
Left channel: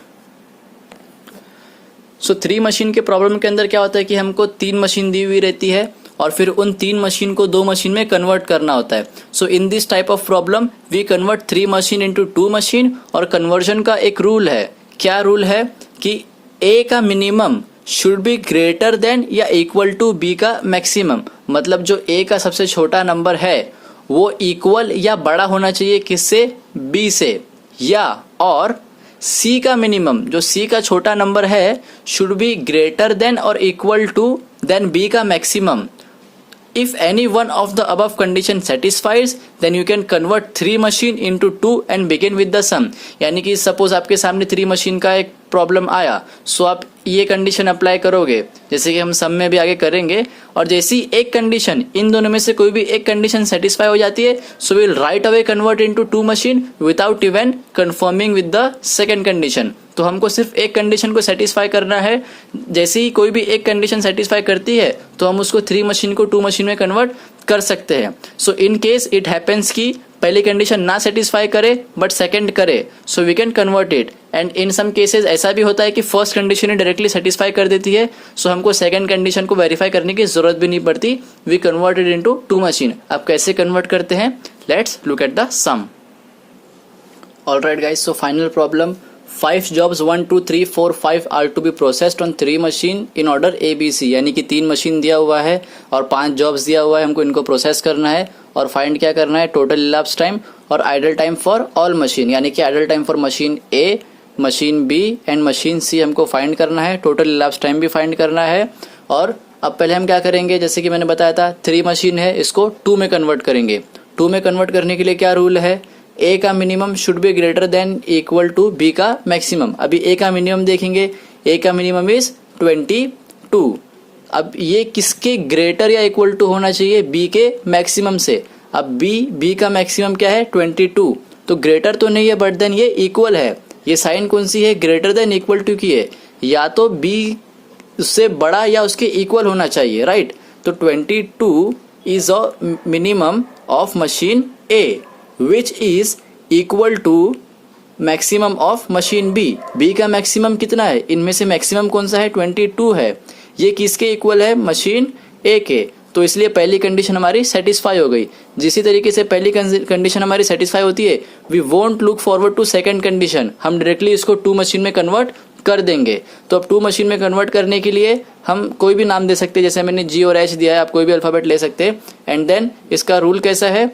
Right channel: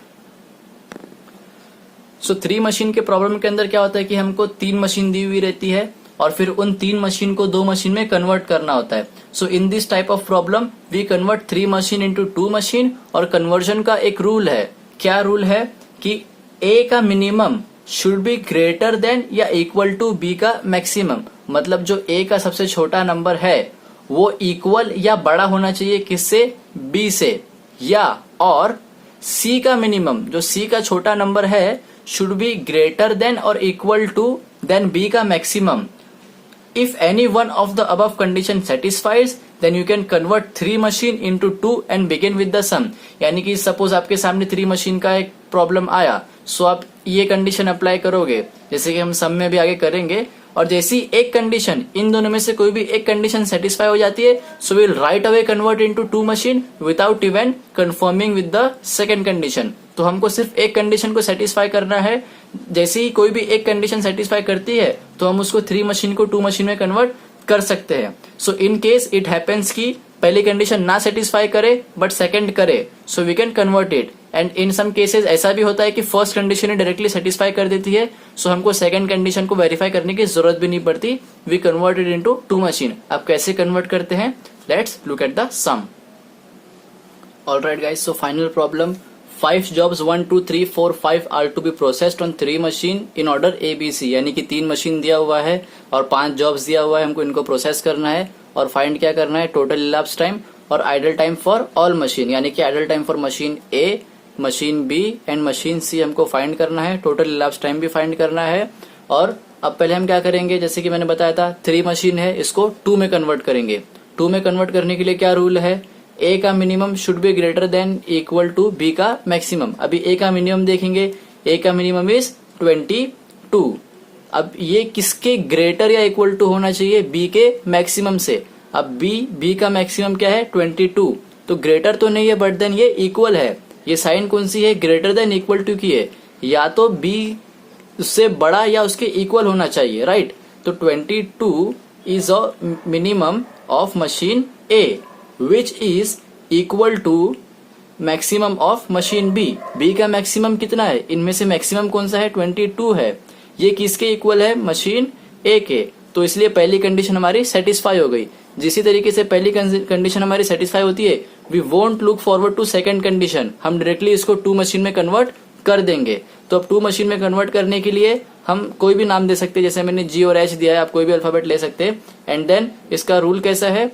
So 3 machine के प्रॉब्लम के अंदर क्या होता है कि हमको 3 मशीन दी हुई रहती है और फिर उन 3 मशीन को 2 मशीन में कन्वर्ट करना होता है। So in this type of problem we convert 3 machine into 2 machine और कन्वर्जन का एक रूल है। क्या रूल है कि ए का minimum should be greater then या इक्वल टू बी का मैक्सिमम, मतलब जो ए का सबसे छोटा नंबर है वो इक्वल या बड़ा होना चाहिए किससे, बी से, या और सी का मिनिमम, जो सी का छोटा नंबर है, शुड बी ग्रेटर देन और इक्वल टू देन बी का maximum. If any one of the above condition satisfies, then you can convert 3 machine into 2 and begin with the sum. यानी कि सपोज आपके सामने 3 मशीन का एक problem आया, सो आप ये कंडीशन अप्लाई करोगे, जैसे कि हम सम में भी आगे करेंगे, और जैसी एक कंडीशन, इन दोनों में से कोई भी एक कंडीशन सेटिस्फाई हो जाती है, so will right away convert into 2 machine without even confirming with the second condition. तो हमको सिर्फ एक कंडीशन को सेटिस्फाई करना है. जैसे ही कोई भी एक कंडीशन सेटिस्फाई करती है तो हम उसको 3 मशीन को 2 मशीन में कन्वर्ट कर सकते हैं. So in case it happens कि पहली कंडीशन ना सेटिस्फाई करे बट सेकंड करे, so we can convert it. And in some cases ऐसा भी होता है कि फर्स्ट कंडीशन डायरेक्टली सेटिस्फाई कर देती है, सो हमको सेकंड कंडीशन को वेरीफाई करने की जरूरत भी नहीं पड़ती. We convert it into 2 machine. आप कैसे कन्वर्ट करते हैं, let's look at the sum. Alright guys, so final problem. 5 jobs 1 2 3 4 5 are to be processed on 3 machine in order ABC. यानी कि 3 मशीन दिया हुआ है और 5 जॉब्स दिया हुआ है, हमको इनको प्रोसेस करना है और फाइंड क्या करना है, टोटल इलाप्स टाइम और idle time for all machine. यानी कि idle time for machine A, machine B and machine C हमको फाइंड करना है, टोटल इलाप्स टाइम भी फाइंड करना है. और अब पहले हम क्या करेंगे, जैसे कि मैंने बताया था 3 मशीन है, इसको 2 में कन्वर्ट करेंगे. 2 में कन्वर्ट करने के लिए क्या रूल है, ए का minimum should be greater than equal to B का मैक्सिमम. अभी ए का मिनिमम देखेंगे, ए का मिनिमम इज 22. अब ये किसके ग्रेटर या इक्वल टू होना चाहिए, बी के मैक्सिमम से. अब बी का मैक्सिमम क्या है 22, तो ग्रेटर तो नहीं है बट देन ये इक्वल है. ये साइन कौन सी है, ग्रेटर देन इक्वल टू की है, या तो बी उससे बड़ा या उसके इक्वल होना चाहिए, राइट. तो 22 is a minimum of machine A which is equal to maximum of machine B. B का मैक्सिमम कितना है, इनमें से मैक्सिमम कौन सा है, 22 है. ये किसके इक्वल है, मशीन A के. तो इसलिए पहली कंडीशन हमारी सेटिस्फाई हो गई. जिसी तरीके से पहली कंडीशन हमारी सेटिस्फाई होती है, we won't look forward to second condition, हम डायरेक्टली इसको 2 मशीन में कन्वर्ट कर देंगे. तो अब 2 मशीन में कन्वर्ट करने के लिए हम कोई भी नाम दे सकते हैं, जैसे मैंने G और H दिया है, आप कोई भी अल्फाबेट ले सकते हैं. एंड देन इसका रूल कैसा है,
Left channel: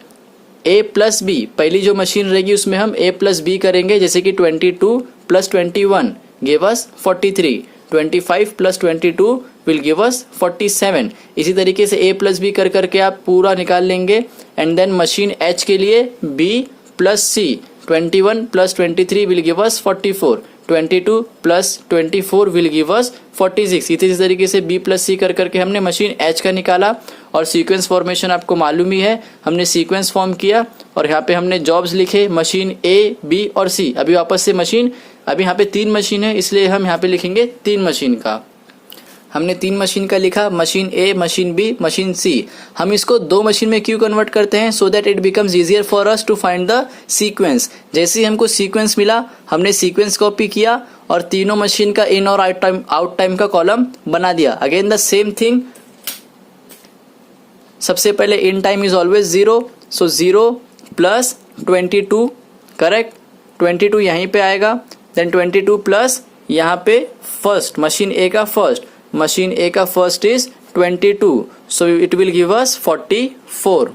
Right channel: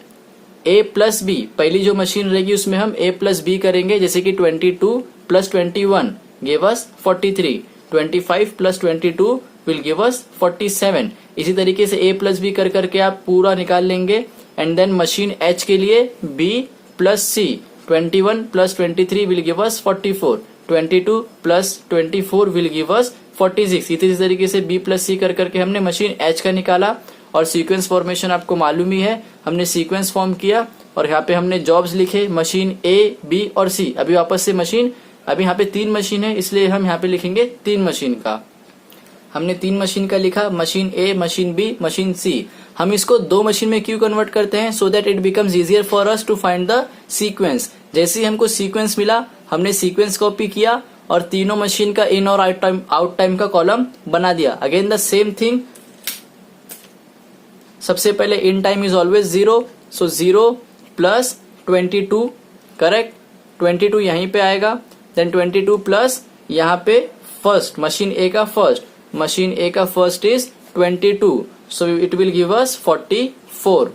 A प्लस बी, पहली जो मशीन रहेगी उसमें हम A प्लस बी करेंगे, जैसे कि 22 plus 21 give us 43, 25 plus 22 will give अस 47. इसी तरीके से A प्लस बी कर करके आप पूरा निकाल लेंगे. एंड देन मशीन H के लिए B plus C, 21 plus 23 will give us 44, 22 plus 24 will give अस 46. इसी तरीके से B प्लस C कर करके हमने मशीन H का निकाला. और सीक्वेंस फॉर्मेशन आपको मालूम ही है, हमने सीक्वेंस फॉर्म किया और यहाँ पे हमने जॉब्स लिखे, मशीन A, B और C. अभी वापस से मशीन, अभी यहाँ पे 3 मशीन है, इसलिए हम यहाँ पे लिखेंगे 3 मशीन का. हमने 3 मशीन का लिखा, machine A, machine B, machine C. हम इसको 2 मशीन में क्यों कन्वर्ट करते हैं, so that it becomes easier for us to find the sequence. जैसे ही हमको सीक्वेंस मिला, हमने सीक्वेंस कॉपी किया और तीनों मशीन का इन और आउट टाइम का कॉलम बना दिया. अगेन द सेम थिंग, सबसे पहले इन time is always 0, so 0 plus 22, correct. 22 यहीं पे आएगा, देन 22 प्लस यहाँ पे फर्स्ट, मशीन A का फर्स्ट, मशीन A का first is 22, so it will give us 44.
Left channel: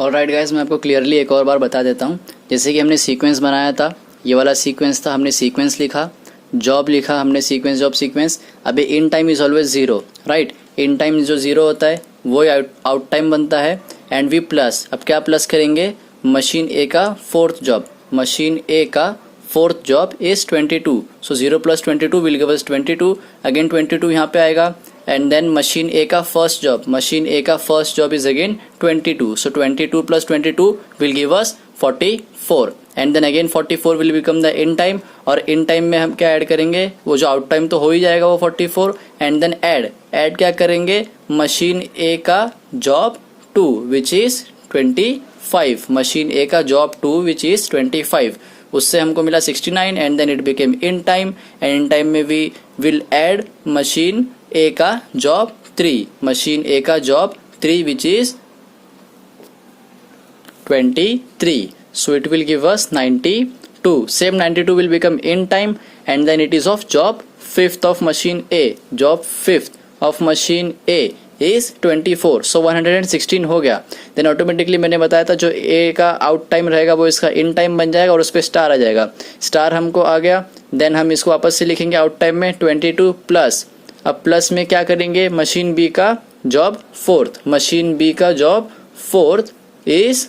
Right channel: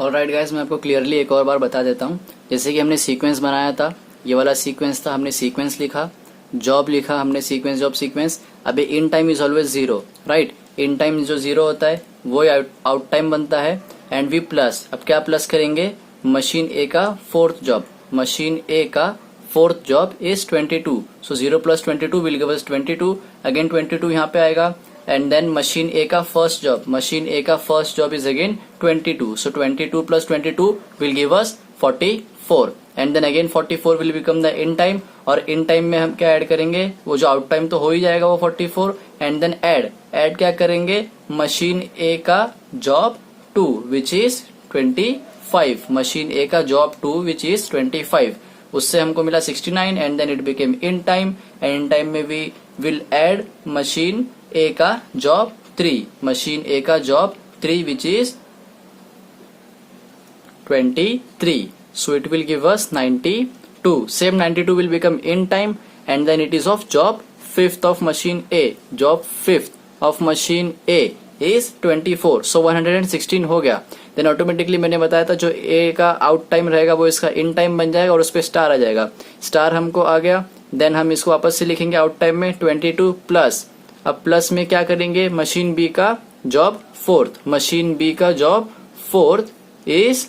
Alright guys, मैं आपको क्लियरली एक और बार बता देता हूँ. जैसे कि हमने सीक्वेंस बनाया था, ये वाला सीक्वेंस था, हमने सीक्वेंस लिखा, जॉब लिखा हमने, सीक्वेंस जॉब सीक्वेंस. अभी in time is always 0, right. In time जो 0 होता है वो आउट टाइम बनता है. एंड वी प्लस, अब क्या प्लस करेंगे, मशीन A का 4th जॉब, मशीन A का 4th job is 22, so 0 plus 22 will give us 22. Again 22 यहाँ पे आएगा. एंड देन मशीन A का फर्स्ट जॉब, मशीन A का first job is again 22, so 22 plus 22 will give us 44. And then again 44 will become the in time. और in time में हम क्या add करेंगे, वो जो आउट टाइम तो हो ही जाएगा वो 44. एंड देन ऐड क्या करेंगे, मशीन A का job 2 which is 25, machine A का जॉब 2 विच इज 25, उससे हमको मिला 69. And then it became in time. And in time में we will add machine A का जॉब 3, मशीन A का job 3 which is 23, so it will give us 92. Same 92 will become in time. And then it is of job 5th of machine A, job 5th of machine A is 24, सो 116 हो गया। Then automatically मैंने बताया था जो ए का out time रहेगा वो इसका इन टाइम बन जाएगा और उस पर स्टार आ जाएगा। स्टार हमको आ गया। देन हम इसको वापस से लिखेंगे आउट टाइम में 22 प्लस, अब प्लस में क्या करेंगे, मशीन बी का जॉब फोर्थ, मशीन बी का जॉब फोर्थ इज,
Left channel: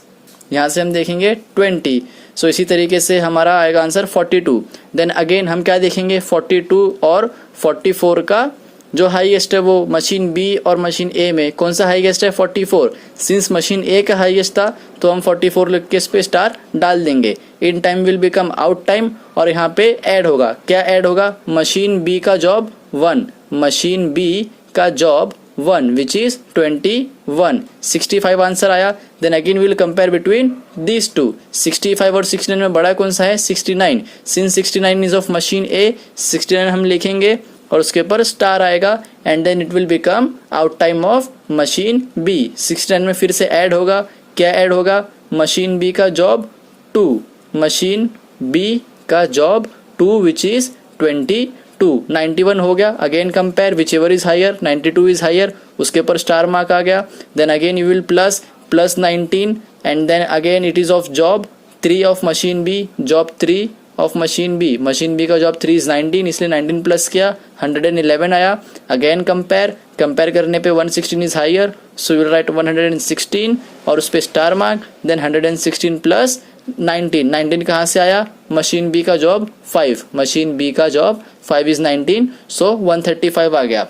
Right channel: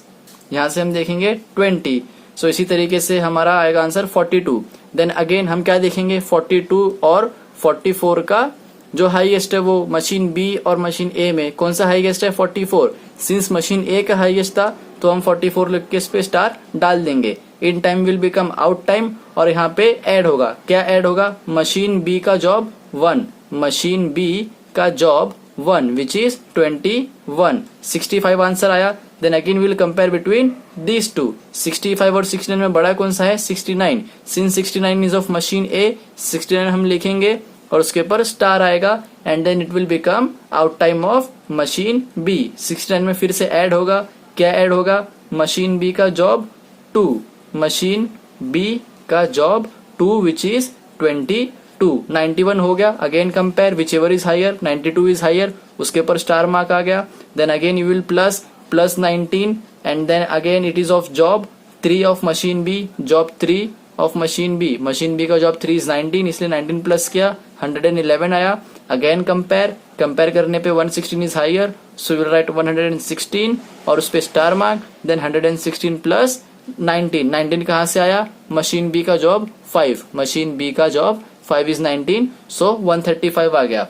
यहां से हम देखेंगे 20, सो इसी तरीके से हमारा आएगा आंसर 42। देन अगेन हम क्या देखेंगे, 42 और 44 का जो हाईएस्ट है वो मशीन बी और मशीन ए में कौन सा हाईएस्ट है, 44। सिंस मशीन ए का हाईएस्ट था तो हम 44 लिख के इस पे स्टार डाल देंगे। In time will become out time और यहाँ पे ऐड होगा, क्या ऐड होगा, मशीन बी का जॉब 1, मशीन बी का जॉब 1 विच इज 21, 65 आंसर आया। Then again will compare between these two, 65 और 69 में बड़ा कौन सा है, 69। Since 69 is of machine A, 69 हम लिखेंगे और उसके ऊपर स्टार आएगा and then it will become out time of machine B. 69 में फिर से ऐड होगा, क्या ऐड होगा, मशीन बी का जॉब 2, मशीन बी का जॉब 2 विच इज 22, 91 हो गया। Again compare whichever is higher, 92 is higher, उसके ऊपर स्टार मार्क आ गया। Then again you will plus 19 and then again it is of job 3 of machine B, job 3 of machine B का job 3 is 19, इसलिए 19 plus किया 111 आया। Again compare करने पे 116 is higher, so you will write 116 और उस पे स्टार मार्क। देन 116 प्लस 19 कहाँ से आया, मशीन बी का जॉब 5, मशीन बी का जॉब 5 इज 19, सो 135 आ गया।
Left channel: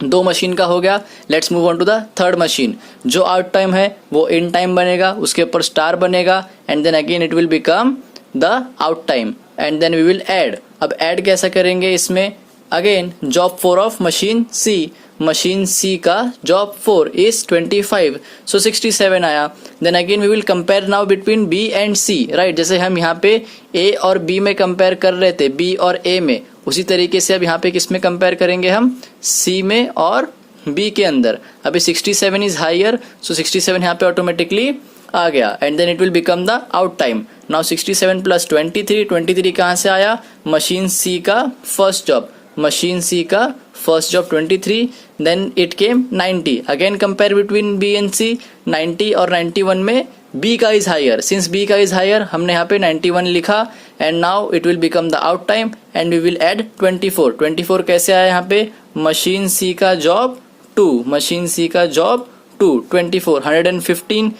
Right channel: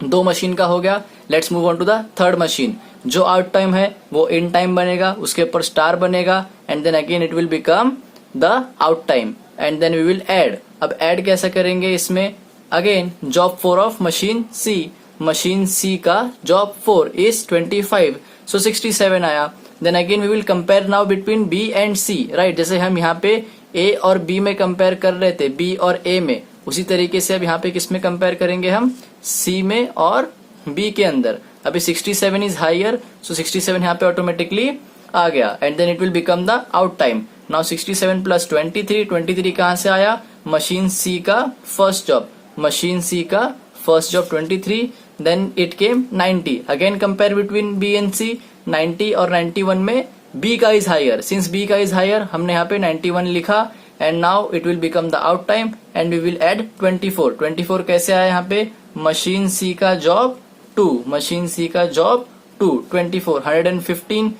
दो मशीन का हो गया। Let's move on to the third machine. जो आउट टाइम है वो इन टाइम बनेगा, उसके ऊपर स्टार बनेगा and then again it will become the out time and then we will add. अब ऐड कैसा करेंगे इसमें, again job 4 of machine C, machine C का जॉब 4 इज 25, सो 67 आया। Then again we will compare now between B and C, right, जैसे हम यहाँ पे ए और बी में कंपेयर कर रहे थे, बी और ए में, उसी तरीके से अब यहाँ पे किस में कंपेयर करेंगे हम, सी में और बी के अंदर। अभी 67 इज हायर, सो 67 यहाँ पे ऑटोमेटिकली आ गया and then it will become the out time. Now 67 plus 23 कहाँ से आया, मशीन सी का फर्स्ट जॉब, मशीन सी का first job 23, then it came 90। Again compare between B and C, 90 और 91 में बी का इज हायर, सिंस बी का is higher हमने यहाँ पे 91 लिखा and now it will become the out time and we will add 24 कैसे आया यहाँ पे, मशीन सी का जॉब 2, मशीन सी का job 2, 24, 115।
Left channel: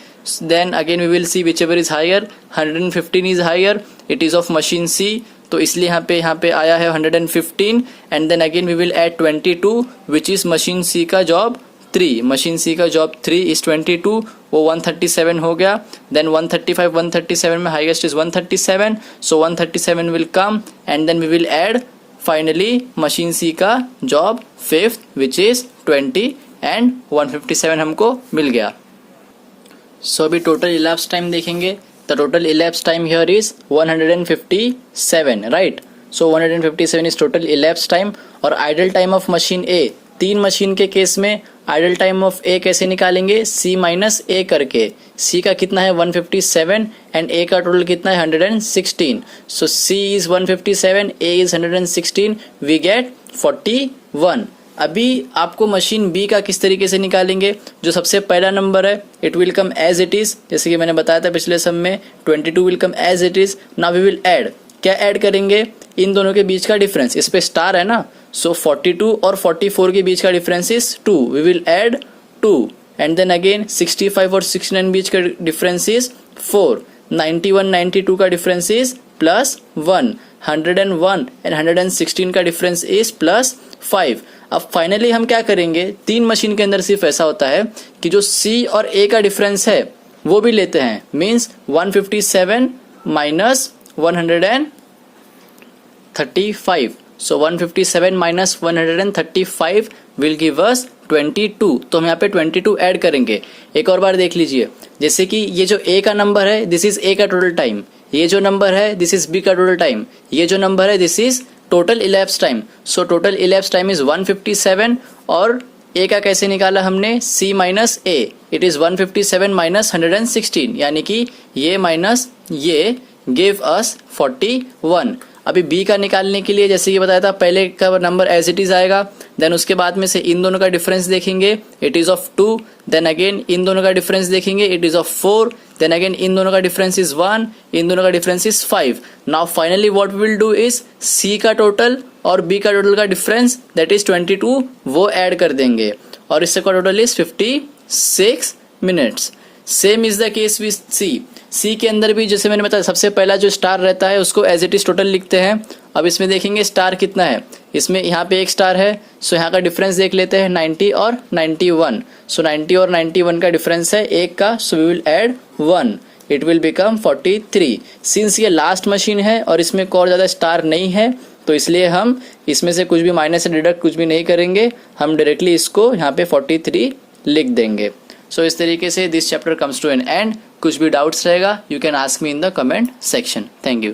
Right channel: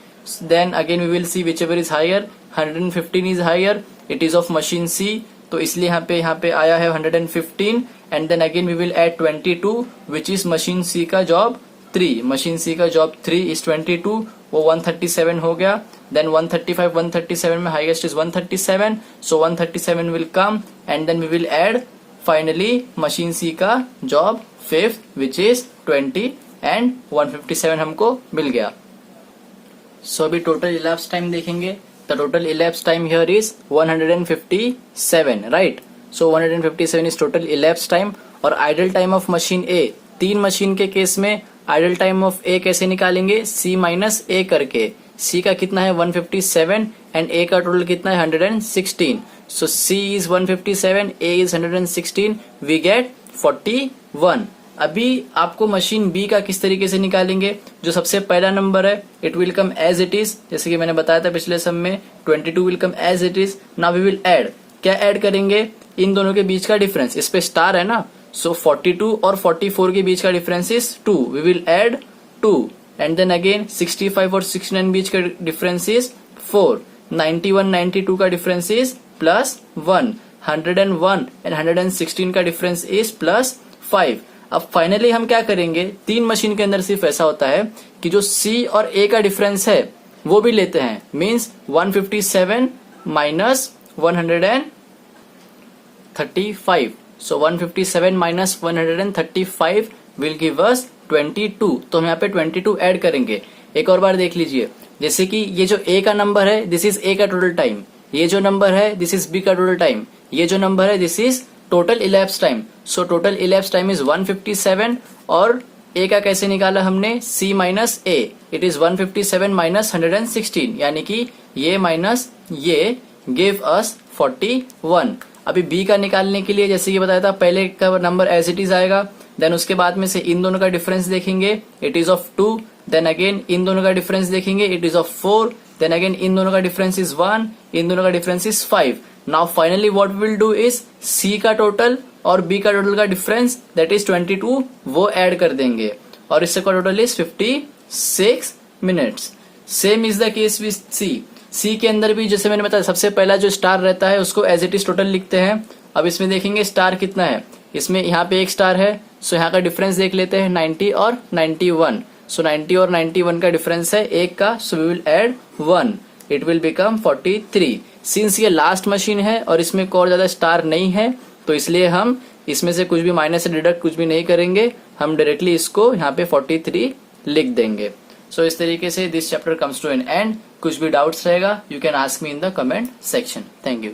Then again we will see whichever is higher, 115 is higher, it is of machine C, तो इसलिए यहाँ पे आया है 115 and then again we will add 22 which is machine C का job 3, machine C का job 3 is 22, वो 137 हो गया। देन 135, 137 में highest is 137, so 137 will come and then we will add finally machine C का job 5th which is 20 and 157 हमको मिल गया। So अभी टोटल इलैप्स टाइम देखेंगे। The total elapse time here is 157, right, so 157 is total elapse time. और idle time of machine A, 3 machine के case में idle time of A कैसे निकालेंगे, सी minus ए करके। सी का कितना है 157 एंड ए का टोटल कितना है 116, so C is 157, A is 116, we get 41। अभी आपको मशीन बी का किस तरीके से निकालेंगे, जो सबसे पहला नंबर है it will come as it is, जैसे कि मैंने बताया था पिछले सम में 22 will come as it is. Now we will add, क्या ऐड करेंगे, इन दोनों के बीच का डिफरेंस, इस पे स्टार है ना, सो 42 और 44 के बीच का difference is 2, we will add 2 and then again 65 और 69 बीच का डिफरेंस इज 4, 91 92 का डिफरेंस इज +1, 101 एंड 116 का डिफरेंस इज +5। अब फाइनली हम क्या करेंगे, 3 मशीन के अंदर सिर्फ ऐसा होता है कि जो सी और ए का डिफरेंस है वो भी लेते हैं, means 157 minus 135, so 157 minus 135 will give us 22, तो हम यहाँ पे 22 ऐड करेंगे। एक और बार देख लीजिए, जैसे कि ये जो ए का नंबर है दिस इज ए का टोटल टाइम, ये जो नंबर है दिस इज बी का टोटल टाइम, ये जो नंबर है this is total elapse time, so total elapse time is 157 और ए का कैसे निकाला हमने, C minus A, it is 157 minus 116, यानी कि ये माइनस ये गिव अस 41। अभी बी का निकालने के लिए जैसे ये बताया था, पहले का नंबर एज इट इज आएगा, देन उसके बाद में से इन दोनों का डिफरेंस देखेंगे, it is of 2, then again इन दोनों का डिफरेंस देखेंगे, it is of 4, then again इन दोनों का डिफरेंस इज 1, इन दोनों का difference is 5. Now finally what we will do is C का टोटल और बी का टोटल का डिफरेंस दैट इज 22 वो ऐड कर देंगे और इससे का total is 56 minutes. Same is the case with C के अंदर भी जैसे मैंने बताया, सबसे पहला जो स्टार रहता है उसको एज इट इज टोटल लिखते हैं. अब इसमें देखेंगे स्टार कितना है, इसमें यहाँ पे एक स्टार है, सो यहाँ का डिफरेंस देख लेते हैं 90 और 91. सो 90 और 91 का डिफरेंस है एक का, so we will add 1, it will become 43. Since ये लास्ट मशीन है और इसमें और ज्यादा स्टार नहीं है तो इसलिए हम इसमें से कुछ भी माइनस से डिडक्ट कुछ भी नहीं करेंगे, हम डायरेक्टली इसको यहाँ पे 43 लिख देंगे. सो इस तरीके से this chapter comes to an end. कुछ भी डाउट्स रहेगा you can ask me in the comment section. Thank you.